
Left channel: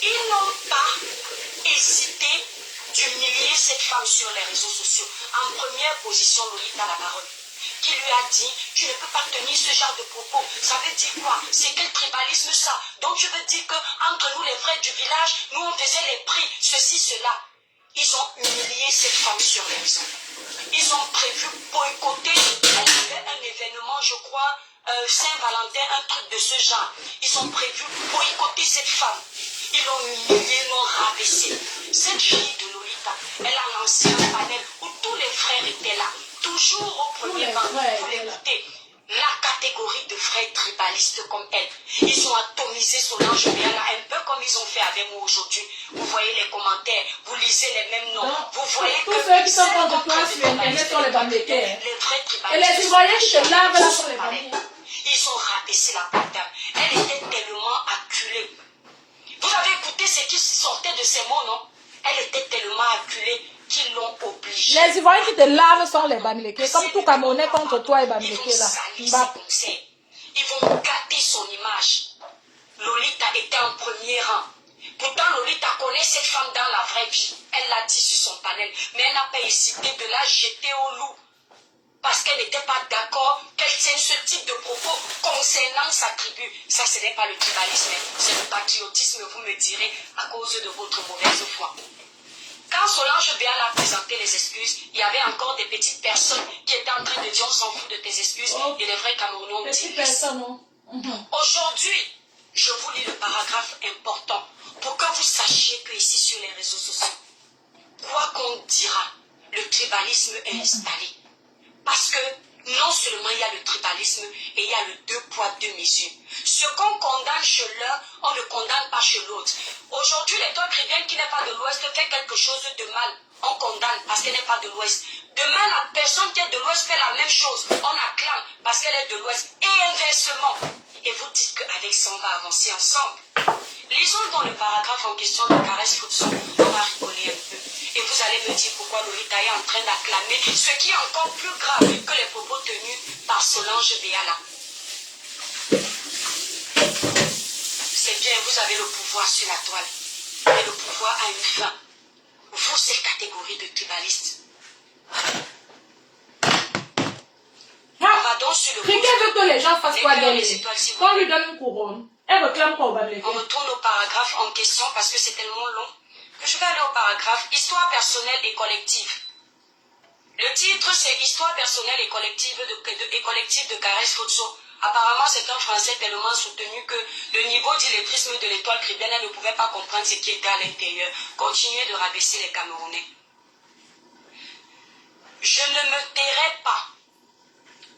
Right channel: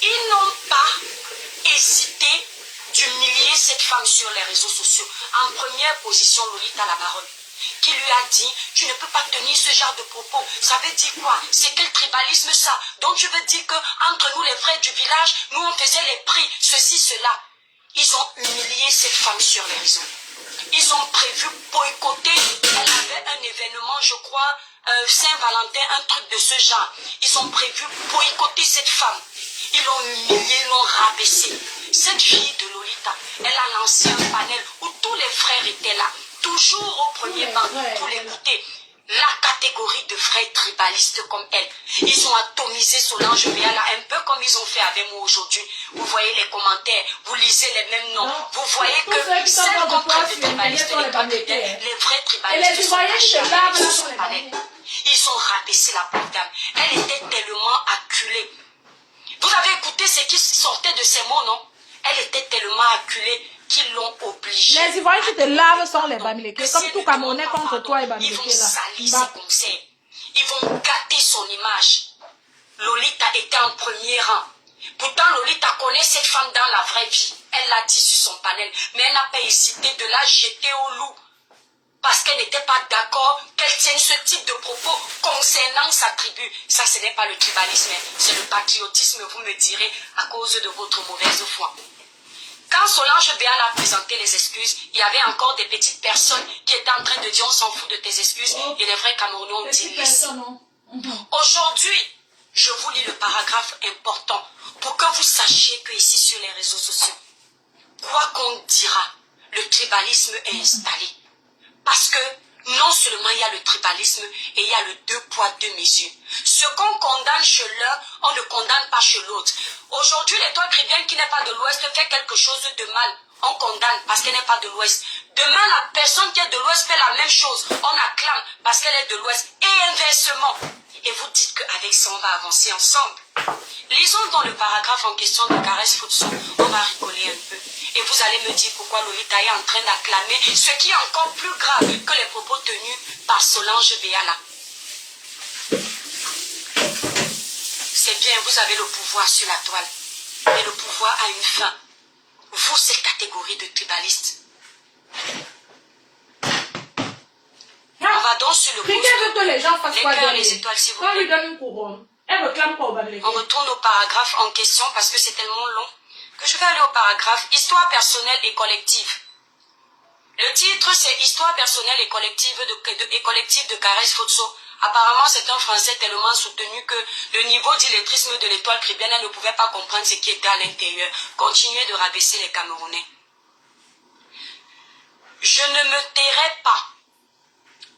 qu'ils n'ont pas hésité d'humilier cette femme sur les réseaux sociaux. En première position, Lolita la baronne, qui lui a dit, tu ne peux pas tenir ce genre de propos. Ça veut dire quoi? C'est quel tribalisme ça? Donc tu veux dire qu'entre nous les frères du village, nous on faisait les prix, ceci, cela. Ils ont humilié cette femme sur les réseaux. Ils ont prévu boycotter. Elle avait un événement, je crois, Saint-Valentin, un truc de ce genre. Ils ont prévu boycotter cette femme. Ils l'ont humiliée, ils l'ont rabaissée. Cette fille de Lolita, elle a lancé un panel où tous les frères étaient là. Toujours au premier banc pour l'écouter. La catégorie de frères tribalistes comme elle. Ils ont atomisé Solange Béala un peu comme ils ont fait avec moi aujourd'hui. Vous voyez les commentaires, vous lisez les mêmes noms. Vous voyez que ceux qui sont celles contre contre toi les sur Internet tribalistes, sont les Bamileke. les vrais Et tribalistes les Ivoiriens qui te lavent là sont les palais. Bamileke. Ils ont rabaissé la pauvre dame. Elle était tellement acculée. Vous avez écouté ce qui sortait de ces mots, non? Elle était tellement acculée qu'ils l'ont obligée. Les Ivoiriens qui te lavent sont les Bamileke. Comme tout Camerounais contre toi et Ils Bamileke vont là. salir ses conseils. Ils vont gâter son image. Lolita était en premier rang. Pourtant, Lolita connaît cette femme dans la vraie vie. Elle l'a dit sur son panel. Mais elle n'a pas hésité de la jeter au loup. Parce qu'elle n'était pas d'accord qu'elle tienne ce type de propos concernant sa tribu. Ça, ce n'est pas le tribalisme, c'est le patriotisme, vous me direz, à cause de votre mauvaise foi. Quand Solange Béal a présenté les excuses, il y avait encore des petites personnes qui étaient en train de dire on s'en fout de tes excuses. Et les vrais Camerounais ont dit Aujourd'hui, je vous lis le paragraphe important pour que vous sachiez que ici sur les réseaux sociaux, quoi qu'on dira, le tribalisme est installé. Parce que non seulement il y a le tribalisme et il y a le 2 poids 2 mesures. Ce qu'on condamne chez l'un, on ne condamne pas chez l'autre. Aujourd'hui, l'étoile chrétienne qui n'est pas de l'Ouest fait quelque chose de mal. On condamne parce qu'elle n'est pas de l'Ouest. Demain, la personne qui est de l'Ouest fait la même chose. On acclame parce qu'elle est de l'Ouest. Et inversement. Et vous dites qu'avec ça, on va avancer ensemble. Lisons dans le paragraphe en question de Caresse Foutson. On va rigoler un peu. Et vous allez me dire pourquoi Lolita est en train d'acclamer ce qui est encore plus grave que les propos tenus par Solange Béala. C'est bien, vous avez le pouvoir sur la toile. Mais le pouvoir a une fin. Vous, cette catégorie de tribalistes. On va donc sur le Quelqu'un veut que les gens fassent quoi les d'elle? étoiles, s'il vous Quand on plaît. lui donne une couronne, elle réclame quoi au Bamileke? On retourne au paragraphe en question parce que c'est tellement long que je vais aller au paragraphe Histoire personnelle et collective. Le titre c'est Histoire personnelle et collective de Caresse Foutso. Apparemment c'est un français tellement soutenu que le niveau d'illettrisme de l'étoile chrétienne ne pouvait pas comprendre ce qui était à l'intérieur. Continuez de rabaisser les Camerounais. Je ne me tairai pas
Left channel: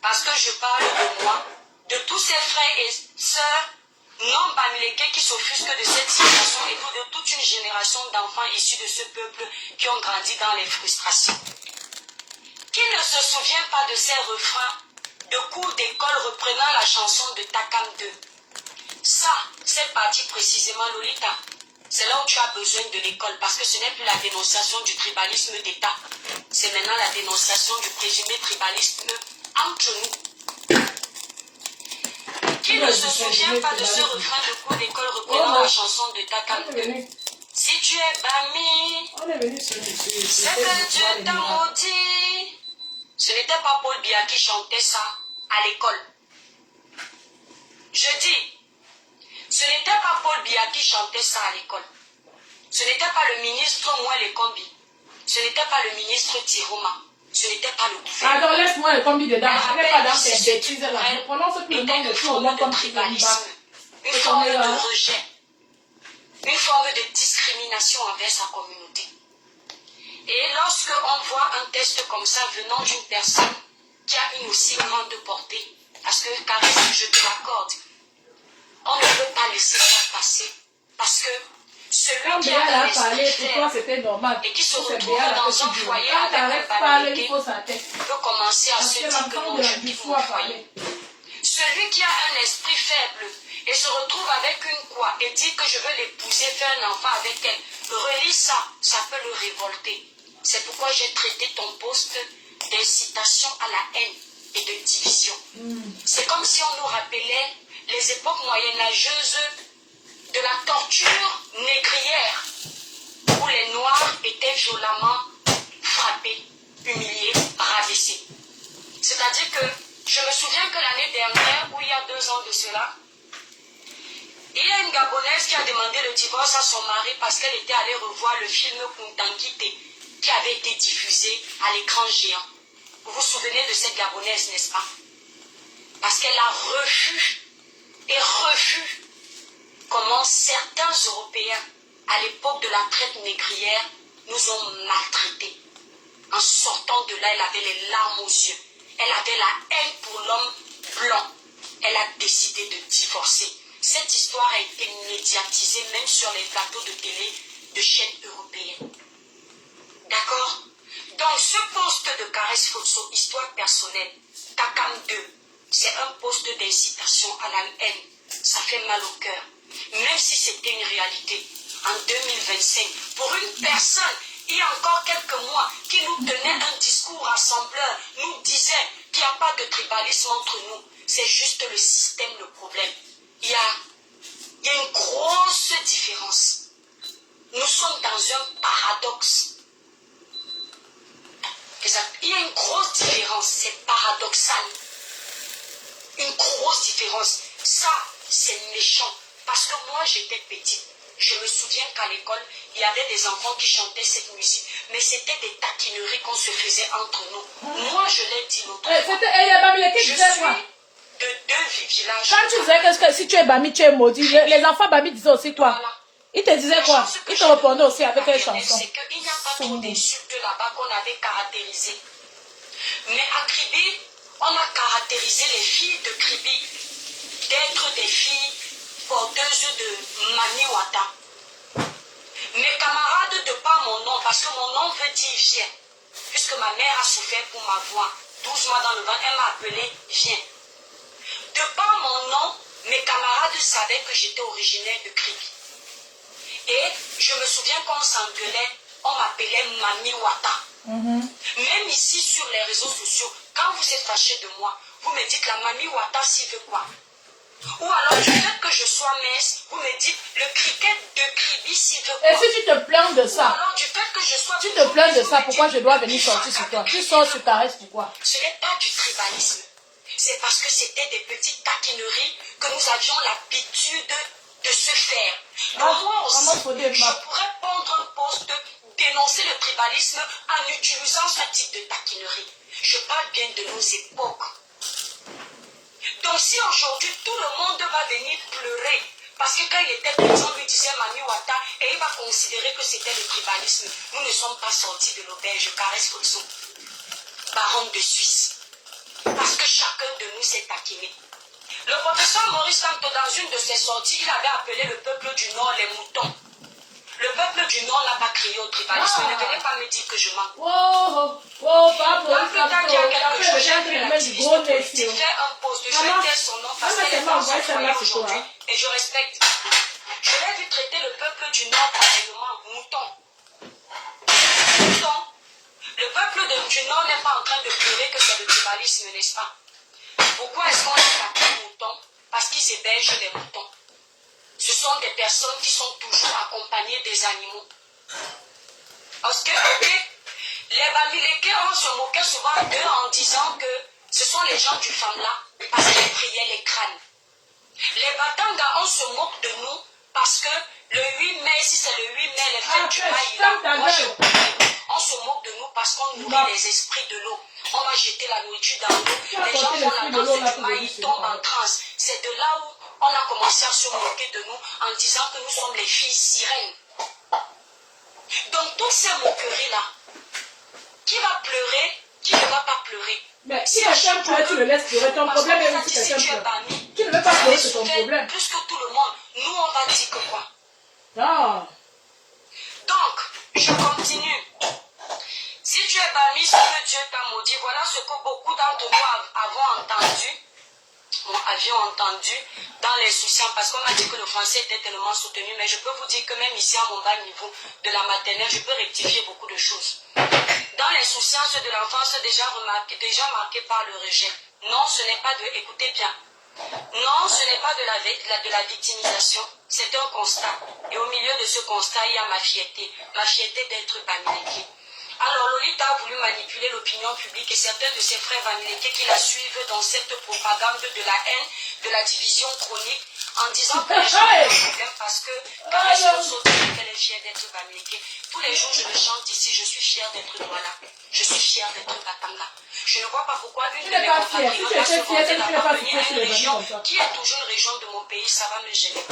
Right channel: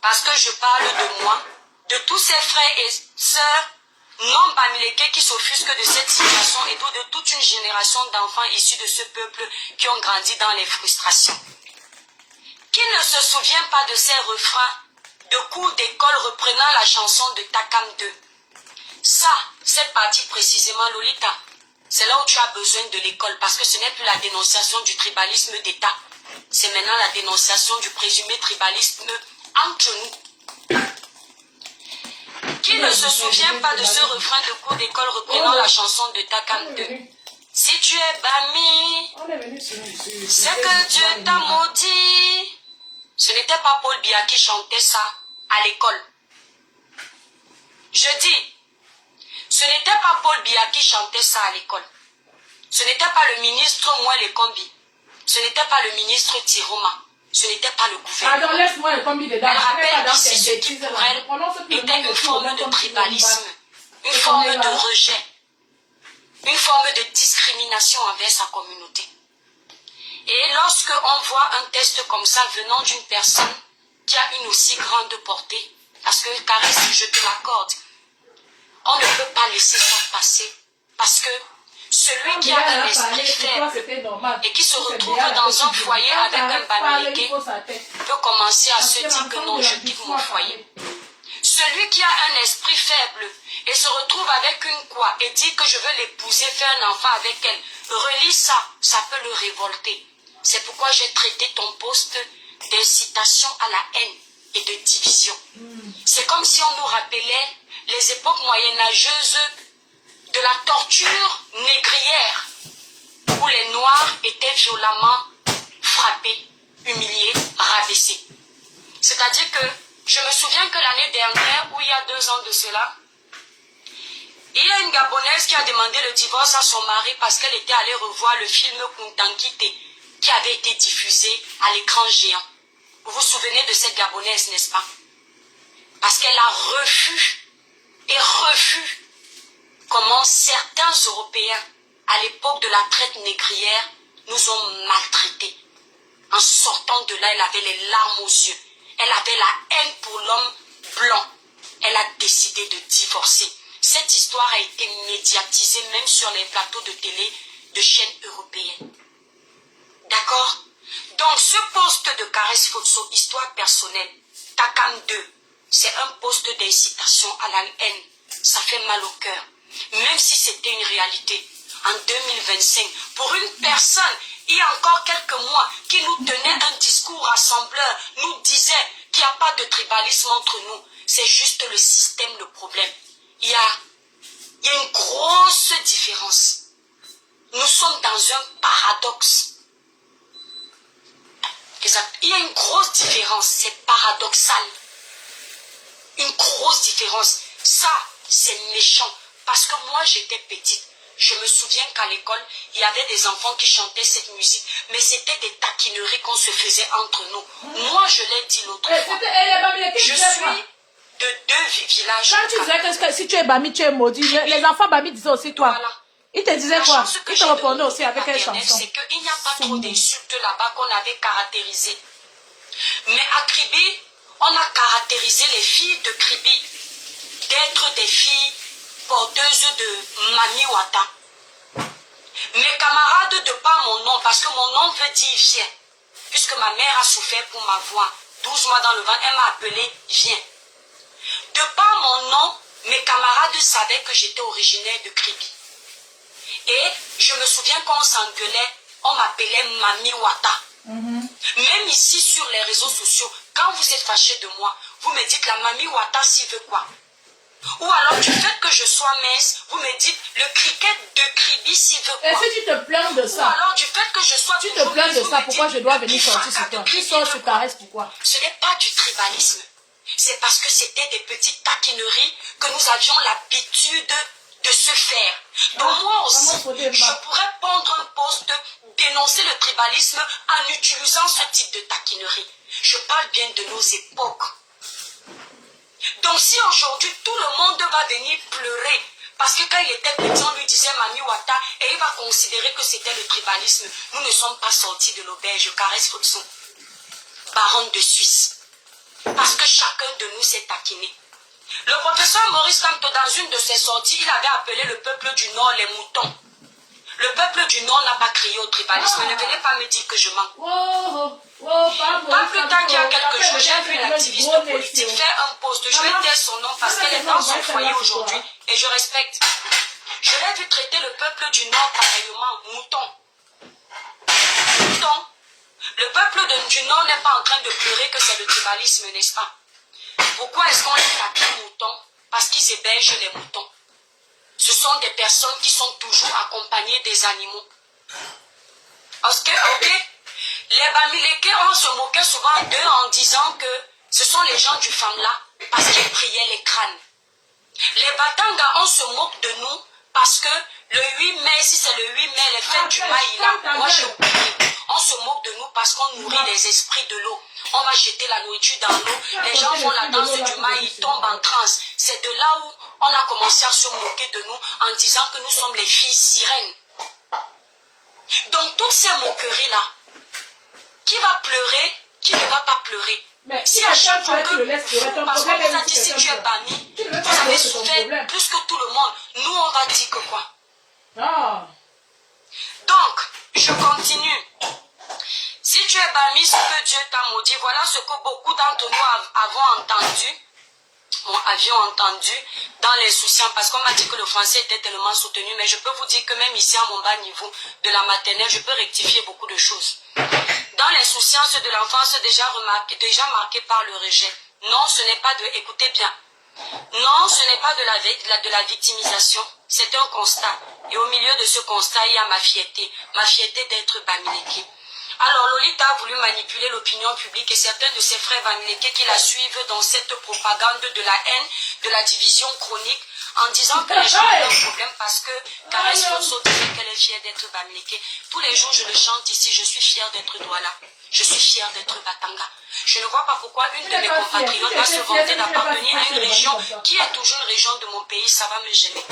parce que je parle de moi, de tous ces frères et sœurs non Bamileke qui s'offusquent de cette situation et de toute une génération d'enfants issus de ce peuple qui ont grandi dans les frustrations. Qui ne se souvient pas de ces refrains de cours d'école reprenant la chanson de Takam 2? Ça, cette partie précisément, Lolita, c'est là où tu as besoin de l'école parce que ce n'est plus la dénonciation du tribalisme d'État. C'est maintenant la dénonciation du présumé tribalisme entre nous. Qui ne se souvient pas de ce refrain de cours d'école reprenant la chanson de Takam 2? Si tu es Bami, ce que Dieu t'a maudit. Ce n'était pas Paul Biya qui chantait ça à l'école. Je dis, ce n'était pas Paul Biya qui chantait ça à l'école. Ce n'était pas le ministre Mouel Kombi. Ce n'était pas le ministre Tiroma. Ce n'était pas le gouvernement. Attends, laisse-moi le combi dedans. Je Je ne pas dans rappelle tes ici bêtises là. Je prononce plus le nom était de une tout le forme monde de comme tribalisme, une forme de rejet, une forme de discrimination envers sa communauté. Et lorsque on voit un test comme ça venant d'une personne qui a une aussi grande portée, parce que Caresse, je te l'accorde, on ne peut pas laisser ça passer Parce que celui Quand qui a Béa un a esprit parlé, pour toi, faible c'était normal. et qui se C'est retrouve Béa la dans petite un Béa. foyer Quand avec un t'arrêtes de parler, il bamileke faut sa tête. peut commencer à Parce se que dire que l'enfant non, de je la quitte du mon a foyer. parlé. Celui qui a un esprit faible et se retrouve avec une quoi et dit que je veux l'épouser, faire un enfant avec elle, relis ça, ça peut le révolter. C'est pourquoi j'ai traité ton poste d'incitation à la haine et de division. C'est comme si on nous rappelait les époques moyenâgeuses de la torture négrière où les Noirs étaient violemment frappés, humiliés, rabaissés. C'est-à-dire que je me souviens que l'année dernière, ou il y a 2 ans de cela, il y a une Gabonaise qui a demandé le divorce à son mari parce qu'elle était allée revoir le film Kuntankite qui avait été diffusé à l'écran géant. Vous vous souvenez de cette Gabonaise, n'est-ce pas? Parce qu'elle a revu comment certains Européens, à l'époque de la traite négrière, nous ont maltraités. En sortant de là, elle avait les larmes aux yeux. Elle avait la haine pour l'homme blanc. Elle a décidé de divorcer. Cette histoire a été médiatisée même sur les plateaux de télé de chaînes européennes. D'accord? Donc ce poste de Caresse Fotso, histoire personnelle, Takam 2, c'est un poste d'incitation à la haine. Ça fait mal au cœur. Même si c'était une réalité. En 2025, pour une personne, il y a encore quelques mois, qui nous tenait un discours rassembleur, nous disait qu'il n'y a pas de tribalisme entre nous. C'est juste le système le problème. Il y a une grosse différence. Nous sommes dans un paradoxe. Exact. Il y a une grosse différence, c'est paradoxal. Une grosse différence. Ça, c'est méchant. Parce que moi, j'étais petite. Je me souviens qu'à l'école, il y avait des enfants qui chantaient cette musique, mais c'était des taquineries qu'on se faisait entre nous. Moi, je l'ai dit l'autre fois. Je suis de 2 villages. Quand tu disais que si tu es Bami, tu es maudit, les enfants Bami disaient aussi quoi? Voilà. Ils te disaient quoi? Ils te répondaient aussi avec les chansons. C'est qu'il n'y a pas trop d'insultes là-bas qu'on avait caractérisées. Mais à Kribi, on a caractérisé les filles de Kribi d'être des filles porteuses de Maniwata. Mes camarades, de par mon nom, parce que mon nom veut dire viens, puisque ma mère a souffert pour ma voix, 12 mois dans le ventre, elle m'a appelé viens. De par mon nom, mes camarades savaient que j'étais originaire de Kribi. Et je me souviens qu'on s'engueulait, on m'appelait Mami Wata. Même ici sur les réseaux sociaux, quand vous êtes fâché de moi, vous me dites la Mami Wata s'y veut quoi? Ou alors du fait que je sois mince, vous me dites le cricket de Kribi s'y veut quoi? Et si tu te plains de ça? Ou alors du fait que je sois... Tu te plains de ça, pourquoi je dois venir sortir sur toi? Tu sors sur Caresse, pourquoi? Ce n'est pas du tribalisme. C'est parce que c'était des petites taquineries que nous avions l'habitude de se faire. Donc moi aussi, je pourrais prendre un poste, dénoncer le tribalisme en utilisant ce type de taquinerie. Je parle bien de nos époques. Donc si aujourd'hui tout le monde va venir pleurer, parce que quand il était petit, on lui disait Mami Wata, et il va considérer que c'était le tribalisme. Nous ne sommes pas sortis de l'auberge, Caresse Fotso, baronne de Suisse. Parce que chacun de nous s'est taquiné. Le professeur Maurice Kamto, dans une de ses sorties, il avait appelé le peuple du Nord les moutons. Le peuple du Nord n'a pas crié au tribalisme. Ne venez pas me dire que je mens. Pas plus tard qu'il y a quelques jours, j'ai vu l'activiste politique faire un post. Je vais taire son nom parce qu'elle est dans son foyer aujourd'hui. Et je respecte. Je l'ai vu traiter le peuple du Nord pareillement mouton. Mouton. Le peuple du Nord n'est pas en train de pleurer que c'est le tribalisme, n'est-ce pas? Pourquoi est-ce qu'on les appelle moutons? Parce qu'ils hébergent les moutons. Ce sont des personnes qui sont toujours accompagnées des animaux. Parce que, les Bamileke, on se moquait souvent d'eux en disant que ce sont les gens du Famla parce qu'ils priaient les crânes. Les Batanga, on se moque de nous parce que le 8 mai, si c'est le 8 mai, les fêtes du Maïla, moi j'ai oublié. On se moque de nous parce qu'on nourrit les esprits de l'eau. On va jeter la nourriture dans l'eau. Les gens font la danse du maïs, ils tombent en transe. C'est de là où on a commencé à se moquer de nous en disant que nous sommes les filles sirènes. Donc toutes ces moqueries-là, qui va pleurer, qui ne va pas pleurer? Mais si quelqu'un pleure, tu le laisses pleurer. Ton problème est si tu es banni, tu ne veux pas pleurer, c'est ton problème. Plus que tout le monde, nous on va dire que quoi? Ah. Donc, je continue. Si tu es banni, c'est que Dieu t'a maudit. Voilà ce que beaucoup d'entre nous avions entendu dans les soucis, parce qu'on m'a dit que le français était tellement soutenu, mais je peux vous dire que même ici à mon bas niveau de la maternelle, je peux rectifier beaucoup de choses. Dans l'insouciance de l'enfance déjà marquée par le rejet. Non, ce n'est pas de... Écoutez bien. Non, ce n'est pas de la victimisation. C'est un constat. Et au milieu de ce constat, il y a ma fierté. Ma fierté d'être Bamileke. Alors, Lolita a voulu manipuler l'opinion publique et certains de ses frères Bamileke qui la suivent dans cette propagande de la haine, de la division chronique, en disant que les gens ont un problème parce que Caresse Motso disait qu'elle est fière d'être Bamileke. Tous les jours, je le chante ici, je suis fière d'être Douala. Je suis fière d'être Batanga. Je ne vois pas pourquoi une de mes compatriotes va se vanter d'appartenir à une région qui est toujours une région de mon pays, ça va me gêner.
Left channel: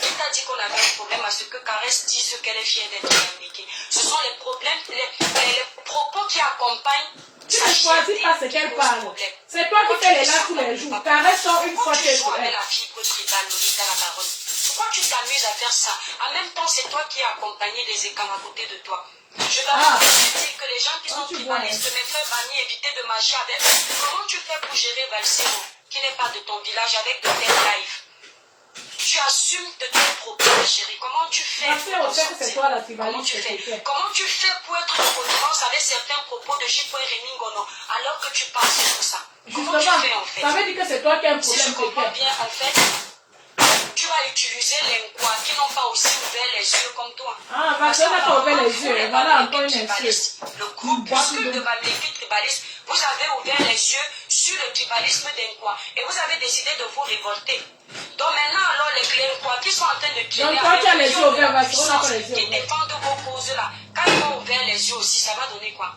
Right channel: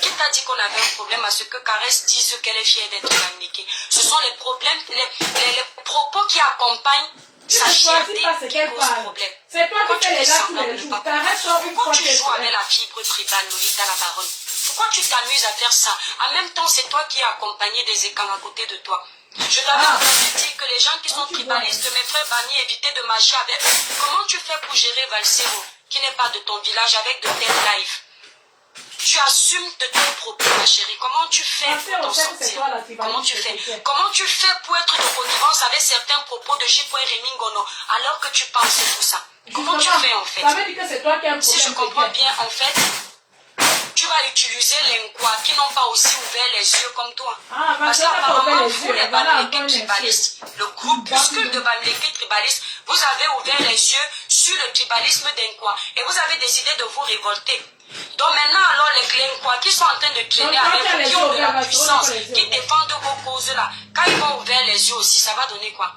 Qui t'a dit qu'on avait un problème à ce que Caresse dise qu'elle est fière d'être Bamileke? Ce sont les problèmes, les propos qui accompagnent sa fierté qui posent problème. C'est toi qui fais les là tous les jours. Caresse une fois tu joues avec la fibre tribale, Lolita la baronne? Pourquoi tu t'amuses à faire ça? En même temps, c'est toi qui as accompagné des écans à côté de toi. Je t'avais dit que les gens qui sont tribalistes, mes frères Bani, évitaient de marcher avec eux. Comment tu fais pour gérer Valsero, qui n'est pas de ton village, avec de tels lives? Tu assumes de tes propos, ma chérie. Comment tu fais pour t'en sortir? Comment tu fais pour être de connivence avec certains propos de Chico et Reningono alors que tu penses tout ça? Comment tu fais en fait? Ça veut dire que c'est toi qui as un problème. Si je comprends bien, en fait, tu vas utiliser les quoi qui n'ont pas aussi ouvert les yeux comme toi. Ah, parce qu'on n'a pas ouvert les yeux. Voilà encore une tribalistes, le groupuscule de Bamileke tribalistes, vous avez ouvert les yeux sur le tribalisme d'Enkwa et vous avez décidé de vous révolter. Donc maintenant, alors les Klenkwa qui sont en train de crier avec qui ont de la puissance, qui défendent vos causes-là, quand ils vont ouvrir les yeux aussi, ça va donner quoi?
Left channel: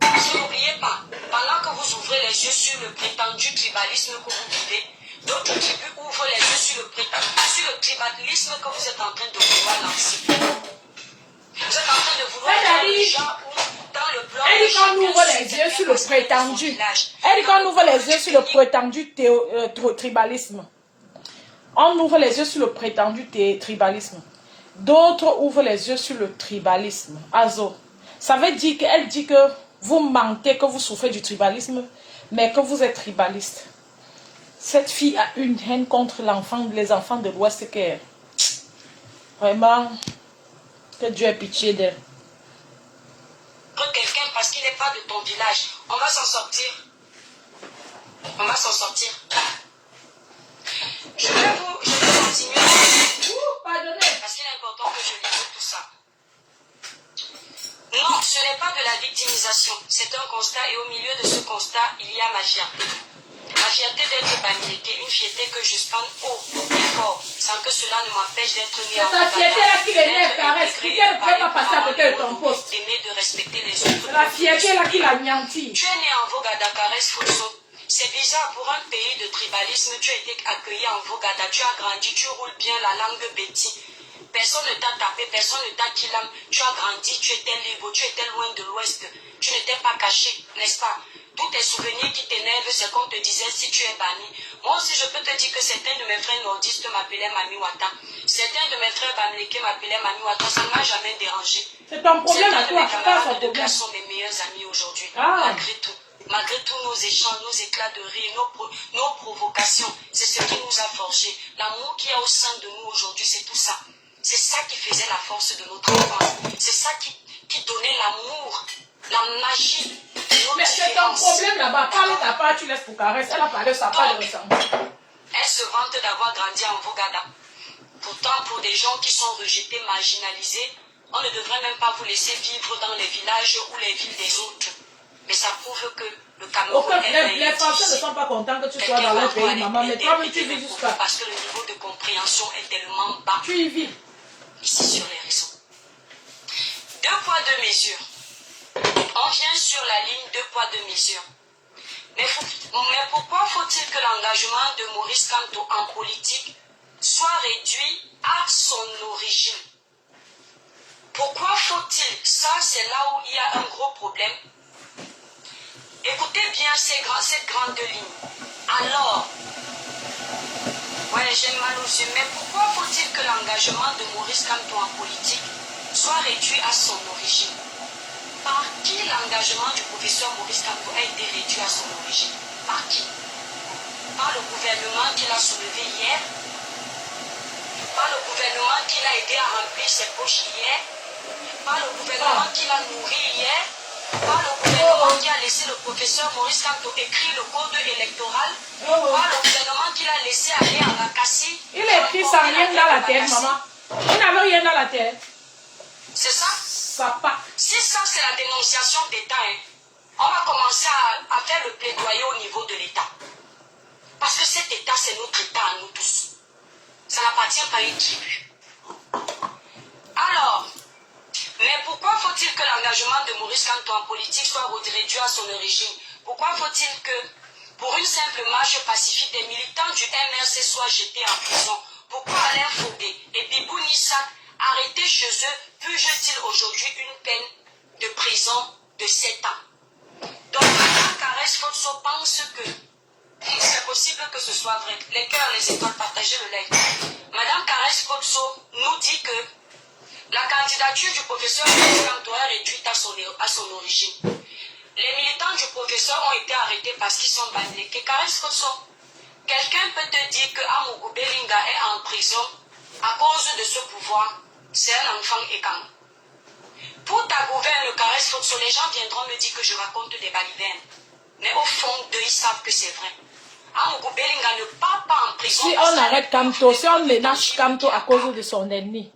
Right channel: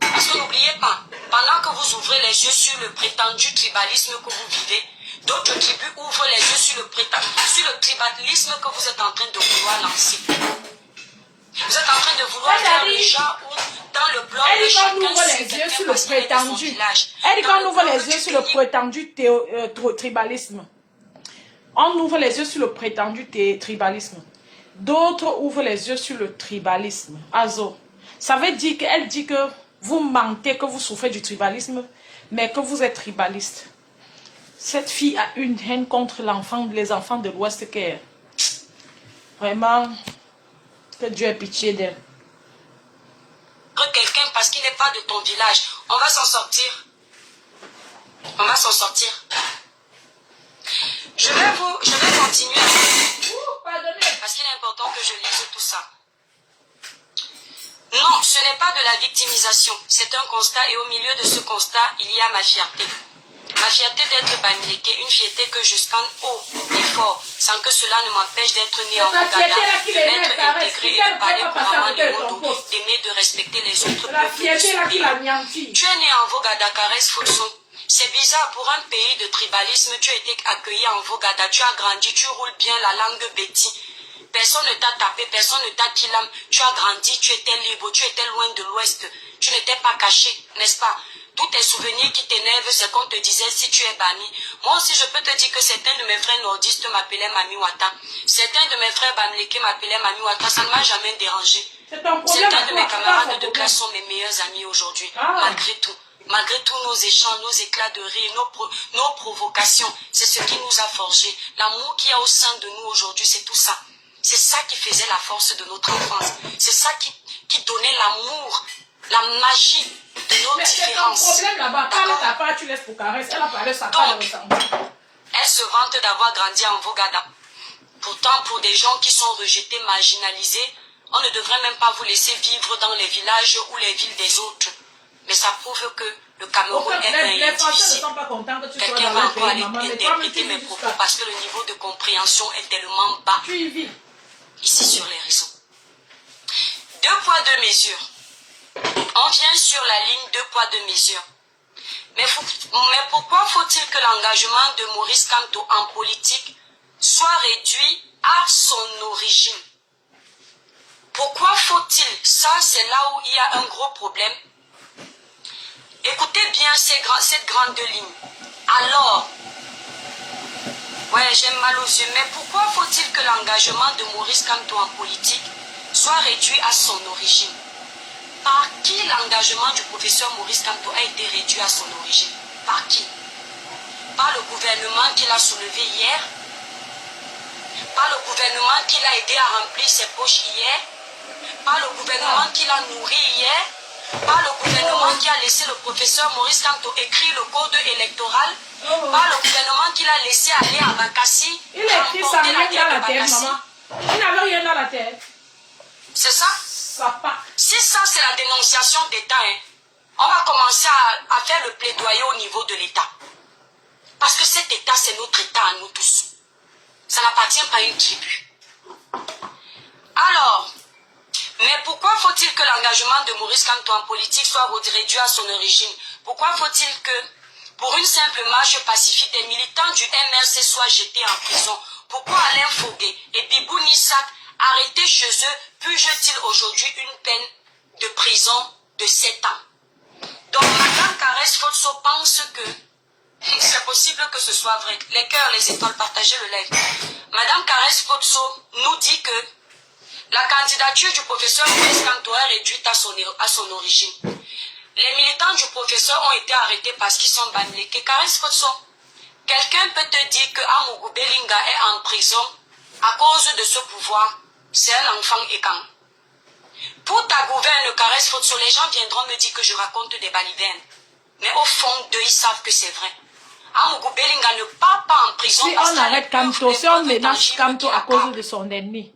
Parce que n'oubliez pas, pendant que vous ouvrez les yeux sur le prétendu tribalisme que vous vivez, d'autres tribus ouvrent les yeux sur le tribalisme que vous êtes en train de vouloir lancer. Vous êtes en train de vouloir faire le genre où dans le bloc elle dit qu'on ouvre les yeux sur le prétendu. Elle dit qu'on ouvre les yeux sur le prétendu tribalisme. On ouvre les yeux sur le prétendu tribalisme. D'autres ouvrent les yeux sur le tribalisme. Azo. Ça veut dire qu'elle dit que vous mentez, que vous souffrez du tribalisme, mais que vous êtes tribaliste. Cette fille a une haine contre les enfants de l'Ouest Caire. Vraiment, que Dieu ait pitié d'elle. Quelqu'un parce qu'il n'est pas de ton village, on va s'en sortir. On va s'en sortir. Je vais continuer. Parce qu'il est important que je lise tout ça. Non, ce n'est pas de la victimisation. C'est un constat et au milieu de ce constat, il y a ma fierté. Ma fierté d'être Bamileke, une fierté que je scanne haut et fort, sans que cela ne m'empêche d'être né en Ouganda, d'être intégré, de parler couramment le monde, d'aimer, de respecter les autres. La fierté là qui l'a nianti. Tu es né en Vogada, Caresse Fotso. C'est bizarre, pour un pays de tribalisme, tu as été accueilli en Vogada, tu as grandi, tu roules bien la langue Betty. Personne ne t'a tapé, personne ne t'a kilam. Tu as grandi, tu étais libre, tu étais loin de l'Ouest. Tu n'étais pas caché, n'est-ce pas? Tous tes souvenirs qui t'énervent, c'est qu'on te disait si tu es banni. Moi aussi, je peux te dire que certains de mes frères nordistes m'appelaient Mami Wata. Certains de mes frères Bamileke m'appelaient Mami Wata. Ça ne m'a jamais dérangé. Certains de mes camarades de classe sont mes meilleurs amis aujourd'hui, malgré tout. Malgré tous nos échanges, nos éclats de rire, nos provocations, c'est ce qui nous a forgés. L'amour qu'il y a au sein de nous aujourd'hui, c'est tout ça. C'est ça qui faisait la force de notre enfance. C'est ça qui donnait l'amour, la magie de nos différences. C'est ton problème là-bas. Parle ta part, tu laisses pour Caresse. Elle a parlé sa part de ressentir. Elle se vante d'avoir grandi en Vogada. Pourtant, pour des gens qui sont rejetés, marginalisés, on ne devrait même pas vous laisser vivre dans les villages ou les villes des autres. Mais ça prouve que le Cameroun est un les Français ne sont pas contents que tu sois dans leur pays, maman. Mais toi, tu vis jusqu'à... Parce que le niveau de compréhension est tellement bas. Tu y vis. Ici sur les réseaux. 2 poids, 2 mesures. On vient sur la ligne 2 poids, 2 mesures. Mais pourquoi faut-il que l'engagement de Maurice Kamto en politique soit réduit à son origine? Pourquoi faut-il? Ça, c'est là où il y a un gros problème. Écoutez bien cette grande ligne. Alors, Ouais, j'ai mal aux yeux. Mais pourquoi faut-il que l'engagement de Maurice Kamto en politique soit réduit à son origine? Par qui l'engagement du professeur Maurice Kamto a été réduit à son origine? Par qui? Par le gouvernement qu'il a soulevé hier? Par le gouvernement qui l'a aidé à remplir ses poches hier? Par le gouvernement qui l'a nourri hier? Par le gouvernement qui a laissé le professeur Maurice Kamto écrire le code électoral? Par le gouvernement qui l'a laissé aller à Bakassi? Il a écrit sans rien dans la tête, maman. Il n'avait rien dans la tête. C'est ça? Ça part. Si ça, c'est la dénonciation d'État, hein, on va commencer à faire le plaidoyer au niveau de l'État. Parce que cet État, c'est notre État à nous tous. Ça n'appartient pas à une tribu. Alors, mais pourquoi faut-il que l'engagement de Maurice Kamto en politique soit réduit à son origine? Pourquoi faut-il que, pour une simple marche pacifique, des militants du MRC soient jetés en prison? Pourquoi Alain Fogué et Bibou Nissak, arrêtés chez eux, purgent-ils aujourd'hui une peine de prison de 7 ans? Donc, Mme Caresse Fotso pense que c'est possible que ce soit vrai. Les cœurs, les étoiles, partagez le live. Mme Caresse Fotso nous dit que la candidature du professeur Maurice Kamto est réduite à son origine. Les militants du professeur ont été arrêtés parce qu'ils sont banniqués. Caresse Fotso, quelqu'un peut te dire que Amougou Belinga est en prison à cause de ce pouvoir. C'est un enfant écan. Pour ta gouverne, Caresse Fotso, les gens viendront me dire que je raconte des balivernes. Mais au fond d'eux, ils savent que c'est vrai. Amougou Belinga ne part pas en prison. Si on arrête Kamto, si on ménage Kamto à cause de son ennemi,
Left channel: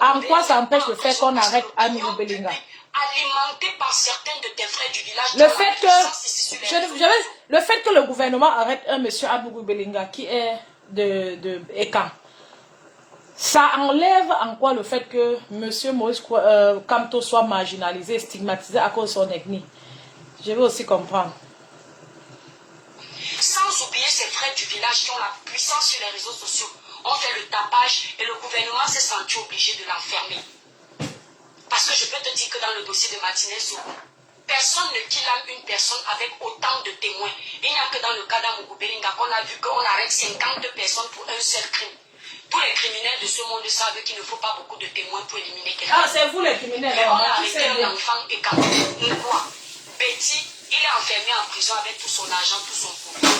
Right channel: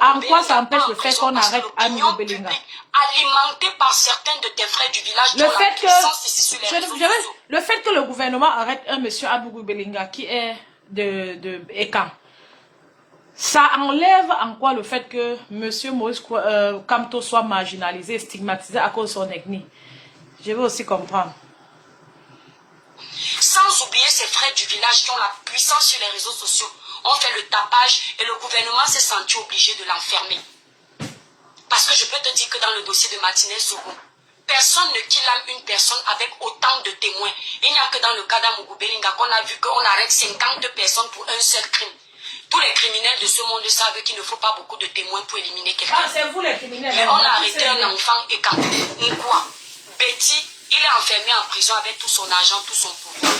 en quoi ça empêche le fait qu'on arrête Amougou Belinga? Alimenté par certains de tes frères du village, le fait que le gouvernement arrête un monsieur Amougou Belinga qui est de Ekan, ça enlève en quoi le fait que monsieur Maurice Kamto soit marginalisé, stigmatisé à cause de son ethnie? Je veux aussi comprendre. Sans oublier ses frères du village qui ont la puissance sur les réseaux sociaux, ont fait le tapage et le gouvernement s'est senti obligé de l'enfermer. Parce que je peux te dire que dans le dossier de Martinez Zogo, personne ne killame une personne avec autant de témoins. Il n'y a que dans le cas d'Amougou Belinga qu'on a vu qu'on arrête 50 personnes pour un seul crime. Tous les criminels de ce monde savent qu'il ne faut pas beaucoup de témoins pour éliminer quelqu'un. Ah, c'est vous les criminels. Mais on a arrêté un enfant et quand quoi? Betty, il est enfermé en prison avec tout son argent, tout son pouvoir.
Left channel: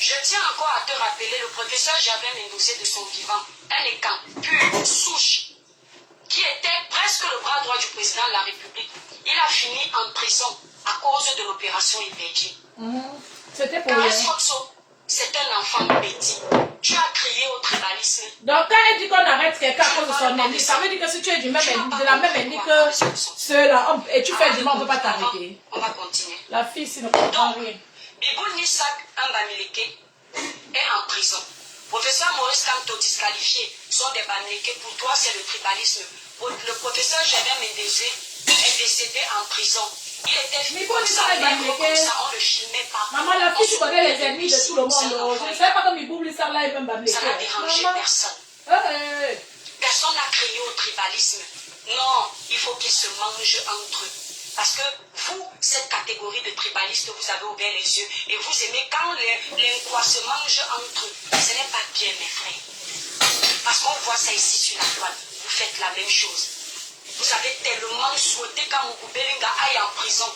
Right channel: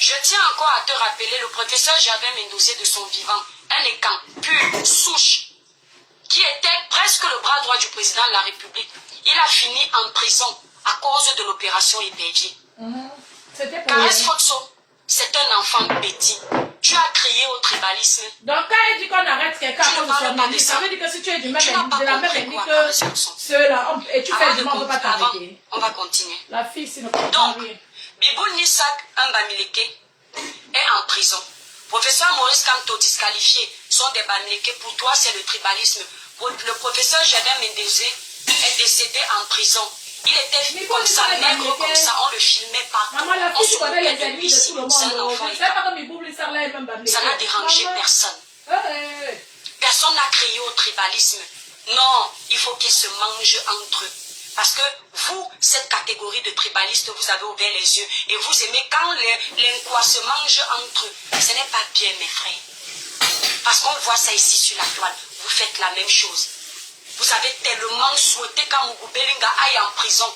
Je tiens encore à te rappeler le professeur Javel Mendozé de son vivant, un écan pur, souche, qui était presque le bras droit du président de la République. Il a fini en prison à cause de l'opération Épervier. C'était pour Caresse Fotso, c'est un enfant petit. Tu as crié au tribalisme. Donc quand elle dit qu'on arrête quelqu'un à cause de son ennemi, ça veut dire que si tu es de la même ennemi que ceux-là, et tu fais du mal, on ne peut pas t'arrêter. On va continuer. La fille, c'est ne comprend rien. Bibou Nissak, un Bamileke, est en prison. Professeur Maurice Kamto disqualifié, sont des Bamileke. Pour toi, c'est le tribalisme. Le professeur Javier Mendezé est décédé en prison. Il était comme ça, nègre comme ça, on le filmait partout. Maman, la fille, tu connais les ennemis de tout le monde. Je ne sais pas comme il boule ça là et même Bamileke. Ça n'a dérangé personne. Personne n'a crié au tribalisme. Non, il faut qu'ils se mangent entre eux. Parce que vous, cette catégorie de tribalistes, vous avez ouvert les yeux et vous aimez quand les quoi se mangent entre eux. Ce n'est pas bien, mes frères. Parce qu'on voit ça ici sur la toile. Vous faites la même chose. Vous avez tellement souhaité qu'Amougou Belinga aille en prison.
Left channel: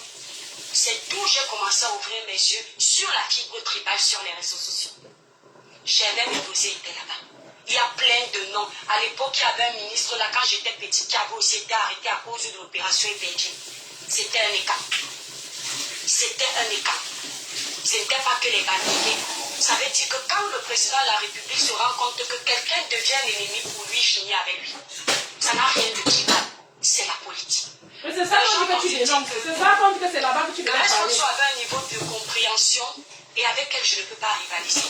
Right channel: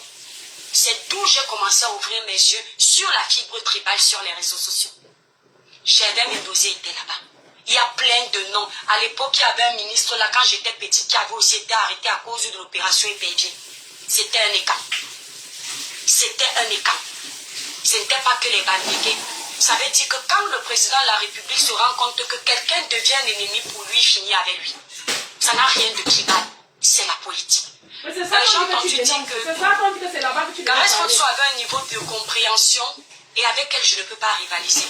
C'est d'où j'ai commencé à ouvrir mes yeux sur la fibre tribale sur les réseaux sociaux. J'avais mes dossiers étaient là-bas. Il y a plein de noms. À l'époque, il y avait un ministre là, quand j'étais petite, qui avait aussi été arrêté à cause de l'opération Épervier. C'était un écart. C'était un écart. Ce n'était pas que les banniqués. Ça veut dire que quand le président de la République se rend compte que quelqu'un devient un ennemi pour lui, finit avec lui. Ça n'a rien de tribal. C'est la politique. Mais c'est ça qu'on dit que tu dénonces. C'est ça qu'on dit que c'est là-bas que tu dénonces. Caresse Fotso avait un niveau de compréhension et avec elle, je ne peux pas rivaliser.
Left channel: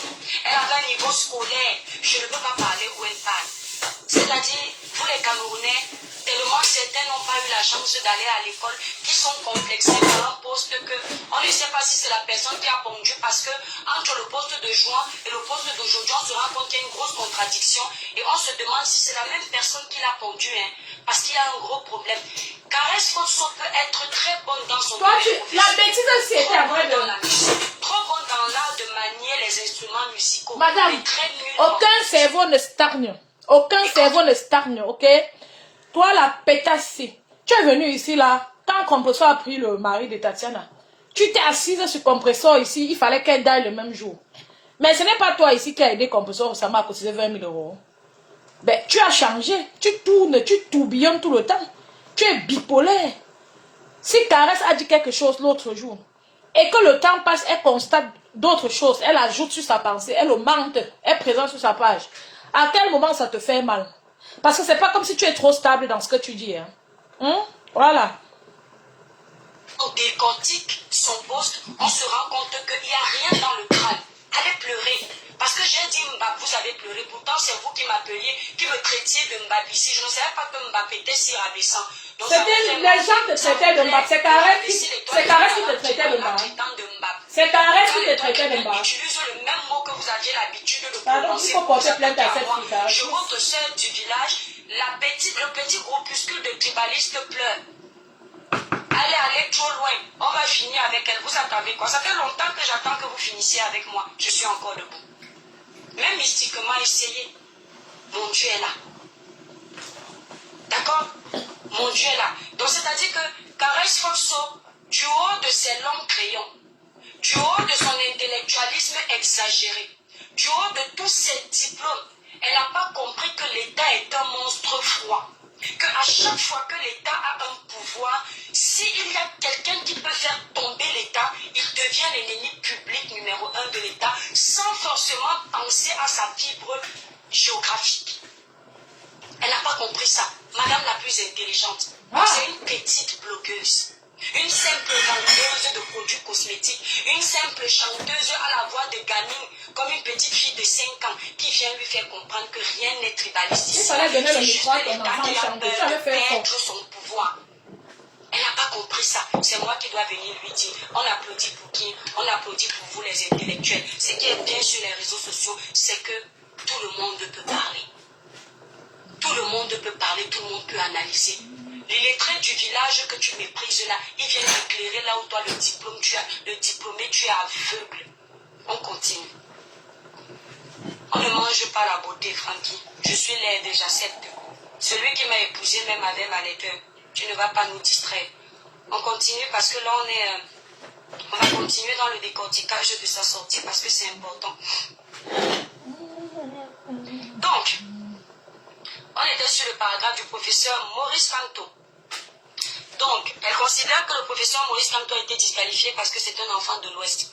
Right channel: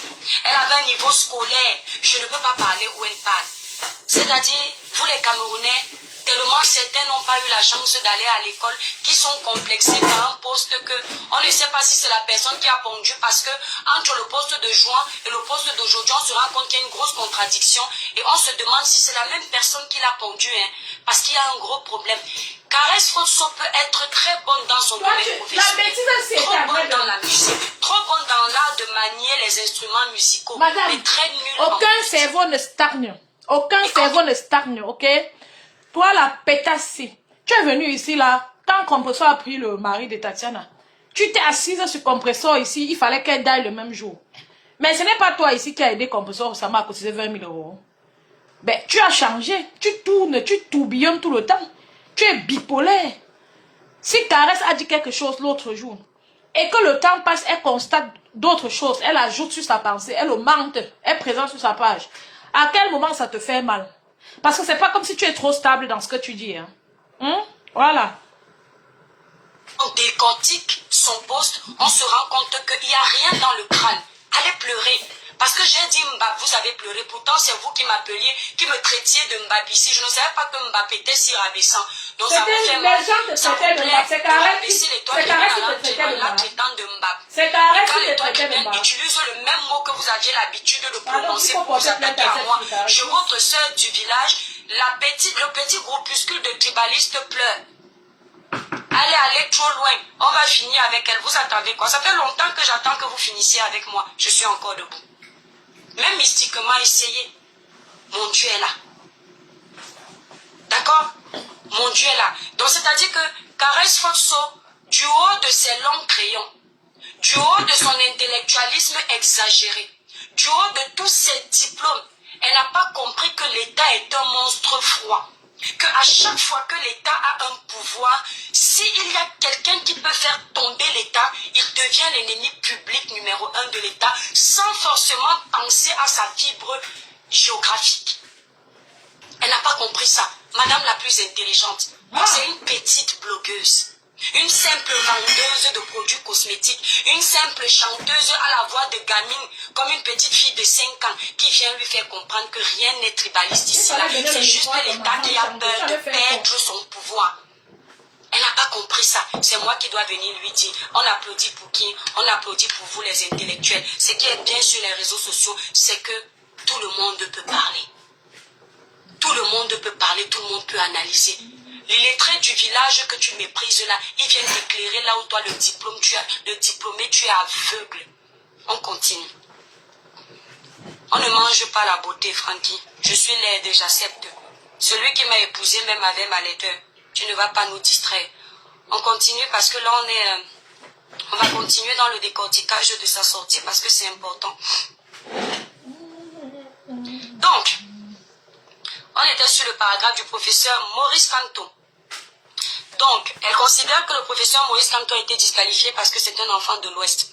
Elle avait un niveau scolaire. Je ne peux pas parler où elle parle. C'est-à-dire, vous les Camerounais, tellement certains n'ont pas eu la chance d'aller à l'école, qui sont complexés par un poste que on ne sait pas si c'est la personne qui a pondu, parce que entre le poste de juin et le poste d'aujourd'hui, on se rend compte qu'il y a une grosse contradiction et on se demande si c'est la même personne qui l'a pondu, hein, parce qu'il y a un gros problème. Caresse Fotso peut être très bonne dans son domaine professionnel, la bêtise, c'est trop bonne dans la musique, trop bonne dans l'art de manier les instruments musicaux. Madame, Mais très nul. aucun cerveau ne stagne. Aucun cerveau ne stagne, ok? Toi, la pétasse, tu es venu ici, là, quand Compressor a pris le mari de Tatiana, tu t'es assise sur Compressor ici, il fallait qu'elle daille le même jour. Mais ce n'est pas toi ici qui a aidé Compressor, ça m'a cotisé 20 000 euros. Ben, tu as changé, tu tournes, tu tourbillonnes tout le temps. Tu es bipolaire. Si Caresse a dit quelque chose l'autre jour, et que le temps passe, elle constate d'autres choses, elle ajoute sur sa pensée, elle augmente, elle présente sur sa page. À quel moment ça te fait mal? Parce que c'est pas comme si tu es trop stable dans ce que tu dis. Voilà. On décortique son poste, on se rend compte qu'il n'y a rien dans le crâne. Allez pleurer. Parce que j'ai dit Mbap, vous avez pleuré. Pourtant, c'est vous qui m'appeliez, qui me traitiez de Mbap ici. Je ne savais pas que Mbap était si rabaissant. Donc, ça les gens te traitaient de Mbap. C'est Caresse qui te traitait de Mbap. C'est Caresse qui te traitait de Mbap. Utilise le même mot que vous aviez l'habitude de Pardon, prononcer il faut pour vous porter plainte attaquer à à moi. cette fille, Je, votre soeur du village, le petit groupuscule de tribalistes pleure. Allez trop loin. On va finir avec elle. Vous attendez quoi? Ça fait longtemps que j'attends que vous finissiez avec moi. Je suis encore debout. Même mystiquement, essayez. Mon Dieu est là. D'accord? Mon Dieu est là. Donc, c'est-à-dire que Caresse Foxo, du haut de ses longs crayons, du haut de son intellectualisme exagéré, du haut de tous ses diplômes, elle n'a pas compris que l'État est un monstre froid. Qu'à chaque fois que l'État a un pouvoir, s'il y a quelqu'un qui peut faire tomber l'État, il devient l'ennemi public numéro 1 de l'État, sans forcément penser à sa fibre géographique. Elle n'a pas compris ça. Madame la plus intelligente, c'est une petite blogueuse. Une simple vendeuse de produits cosmétiques, une simple chanteuse à la voix de gamine, comme une petite fille de 5 ans qui vient lui faire comprendre que rien n'est tribaliste ici. C'est juste l'État qui a peur de perdre son pouvoir. Elle n'a pas compris ça. C'est moi qui dois venir lui dire. On applaudit pour qui? On applaudit pour vous les intellectuels. Ce qui est bien sur les réseaux sociaux, c'est que tout le monde peut parler. Tout le monde peut parler, tout le monde peut analyser. L'illettré du village que tu méprises là, il vient t'éclairer là où toi le diplômé, tu es aveugle. On continue. On ne mange pas la beauté, Francky. Je suis laide, j'accepte. Celui qui m'a épousée même avait ma laideur. Tu ne vas pas nous distraire. On continue parce que là on va continuer dans le décortiquage de sa sortie parce que c'est important. Donc, on était sur le paragraphe du professeur Maurice Canto. Donc, elle considère que le professeur Maurice Canto a été disqualifié parce que c'est un enfant de l'Ouest.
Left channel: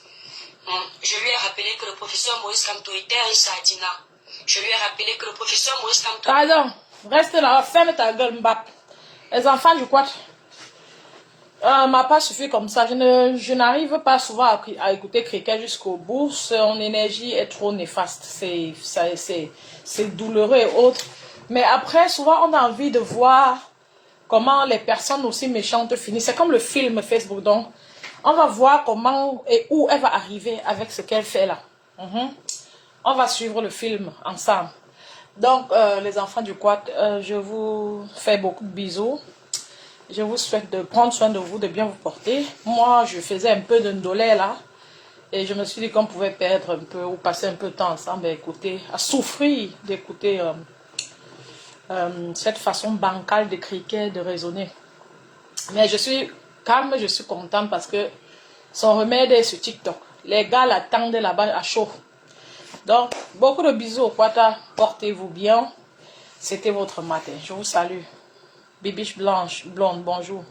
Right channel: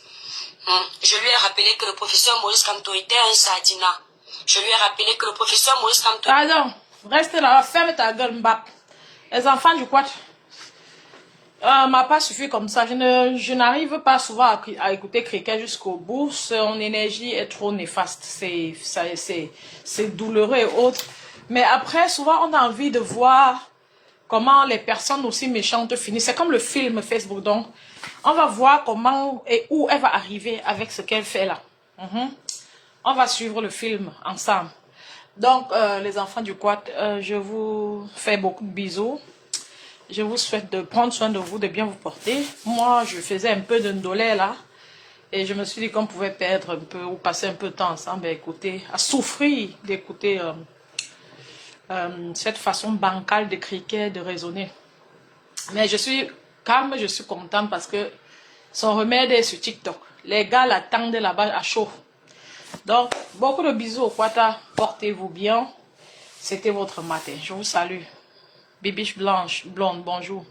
Je lui ai rappelé que le professeur Maurice Canto était un sardina. Je lui ai rappelé que le professeur Maurice Canto... Pardon, reste là, ferme ta gueule, Mbap. Les enfants du quad. M'a pas suffi comme ça. Je n'arrive pas souvent à écouter Cricket jusqu'au bout. Son énergie est trop néfaste. C'est douloureux et autres. Mais après, souvent, on a envie de voir comment les personnes aussi méchantes finissent. C'est comme le film Facebook. Donc, on va voir comment et où elle va arriver avec ce qu'elle fait là. On va suivre le film ensemble. Donc, les enfants du quad, je vous fais beaucoup de bisous. Je vous souhaite de prendre soin de vous, de bien vous porter. Moi, je faisais un peu de ndolé là. Et je me suis dit qu'on pouvait perdre un peu ou passer un peu de temps ensemble à écouter, à souffrir d'écouter cette façon bancale de criquet, de raisonner. Mais je suis calme, je suis contente parce que son remède est sur TikTok. Les gars l'attendent là-bas à chaud. Donc, beaucoup de bisous au Quata. Portez-vous bien. C'était votre matin. Je vous salue. Bibiche blanche, blonde, bonjour.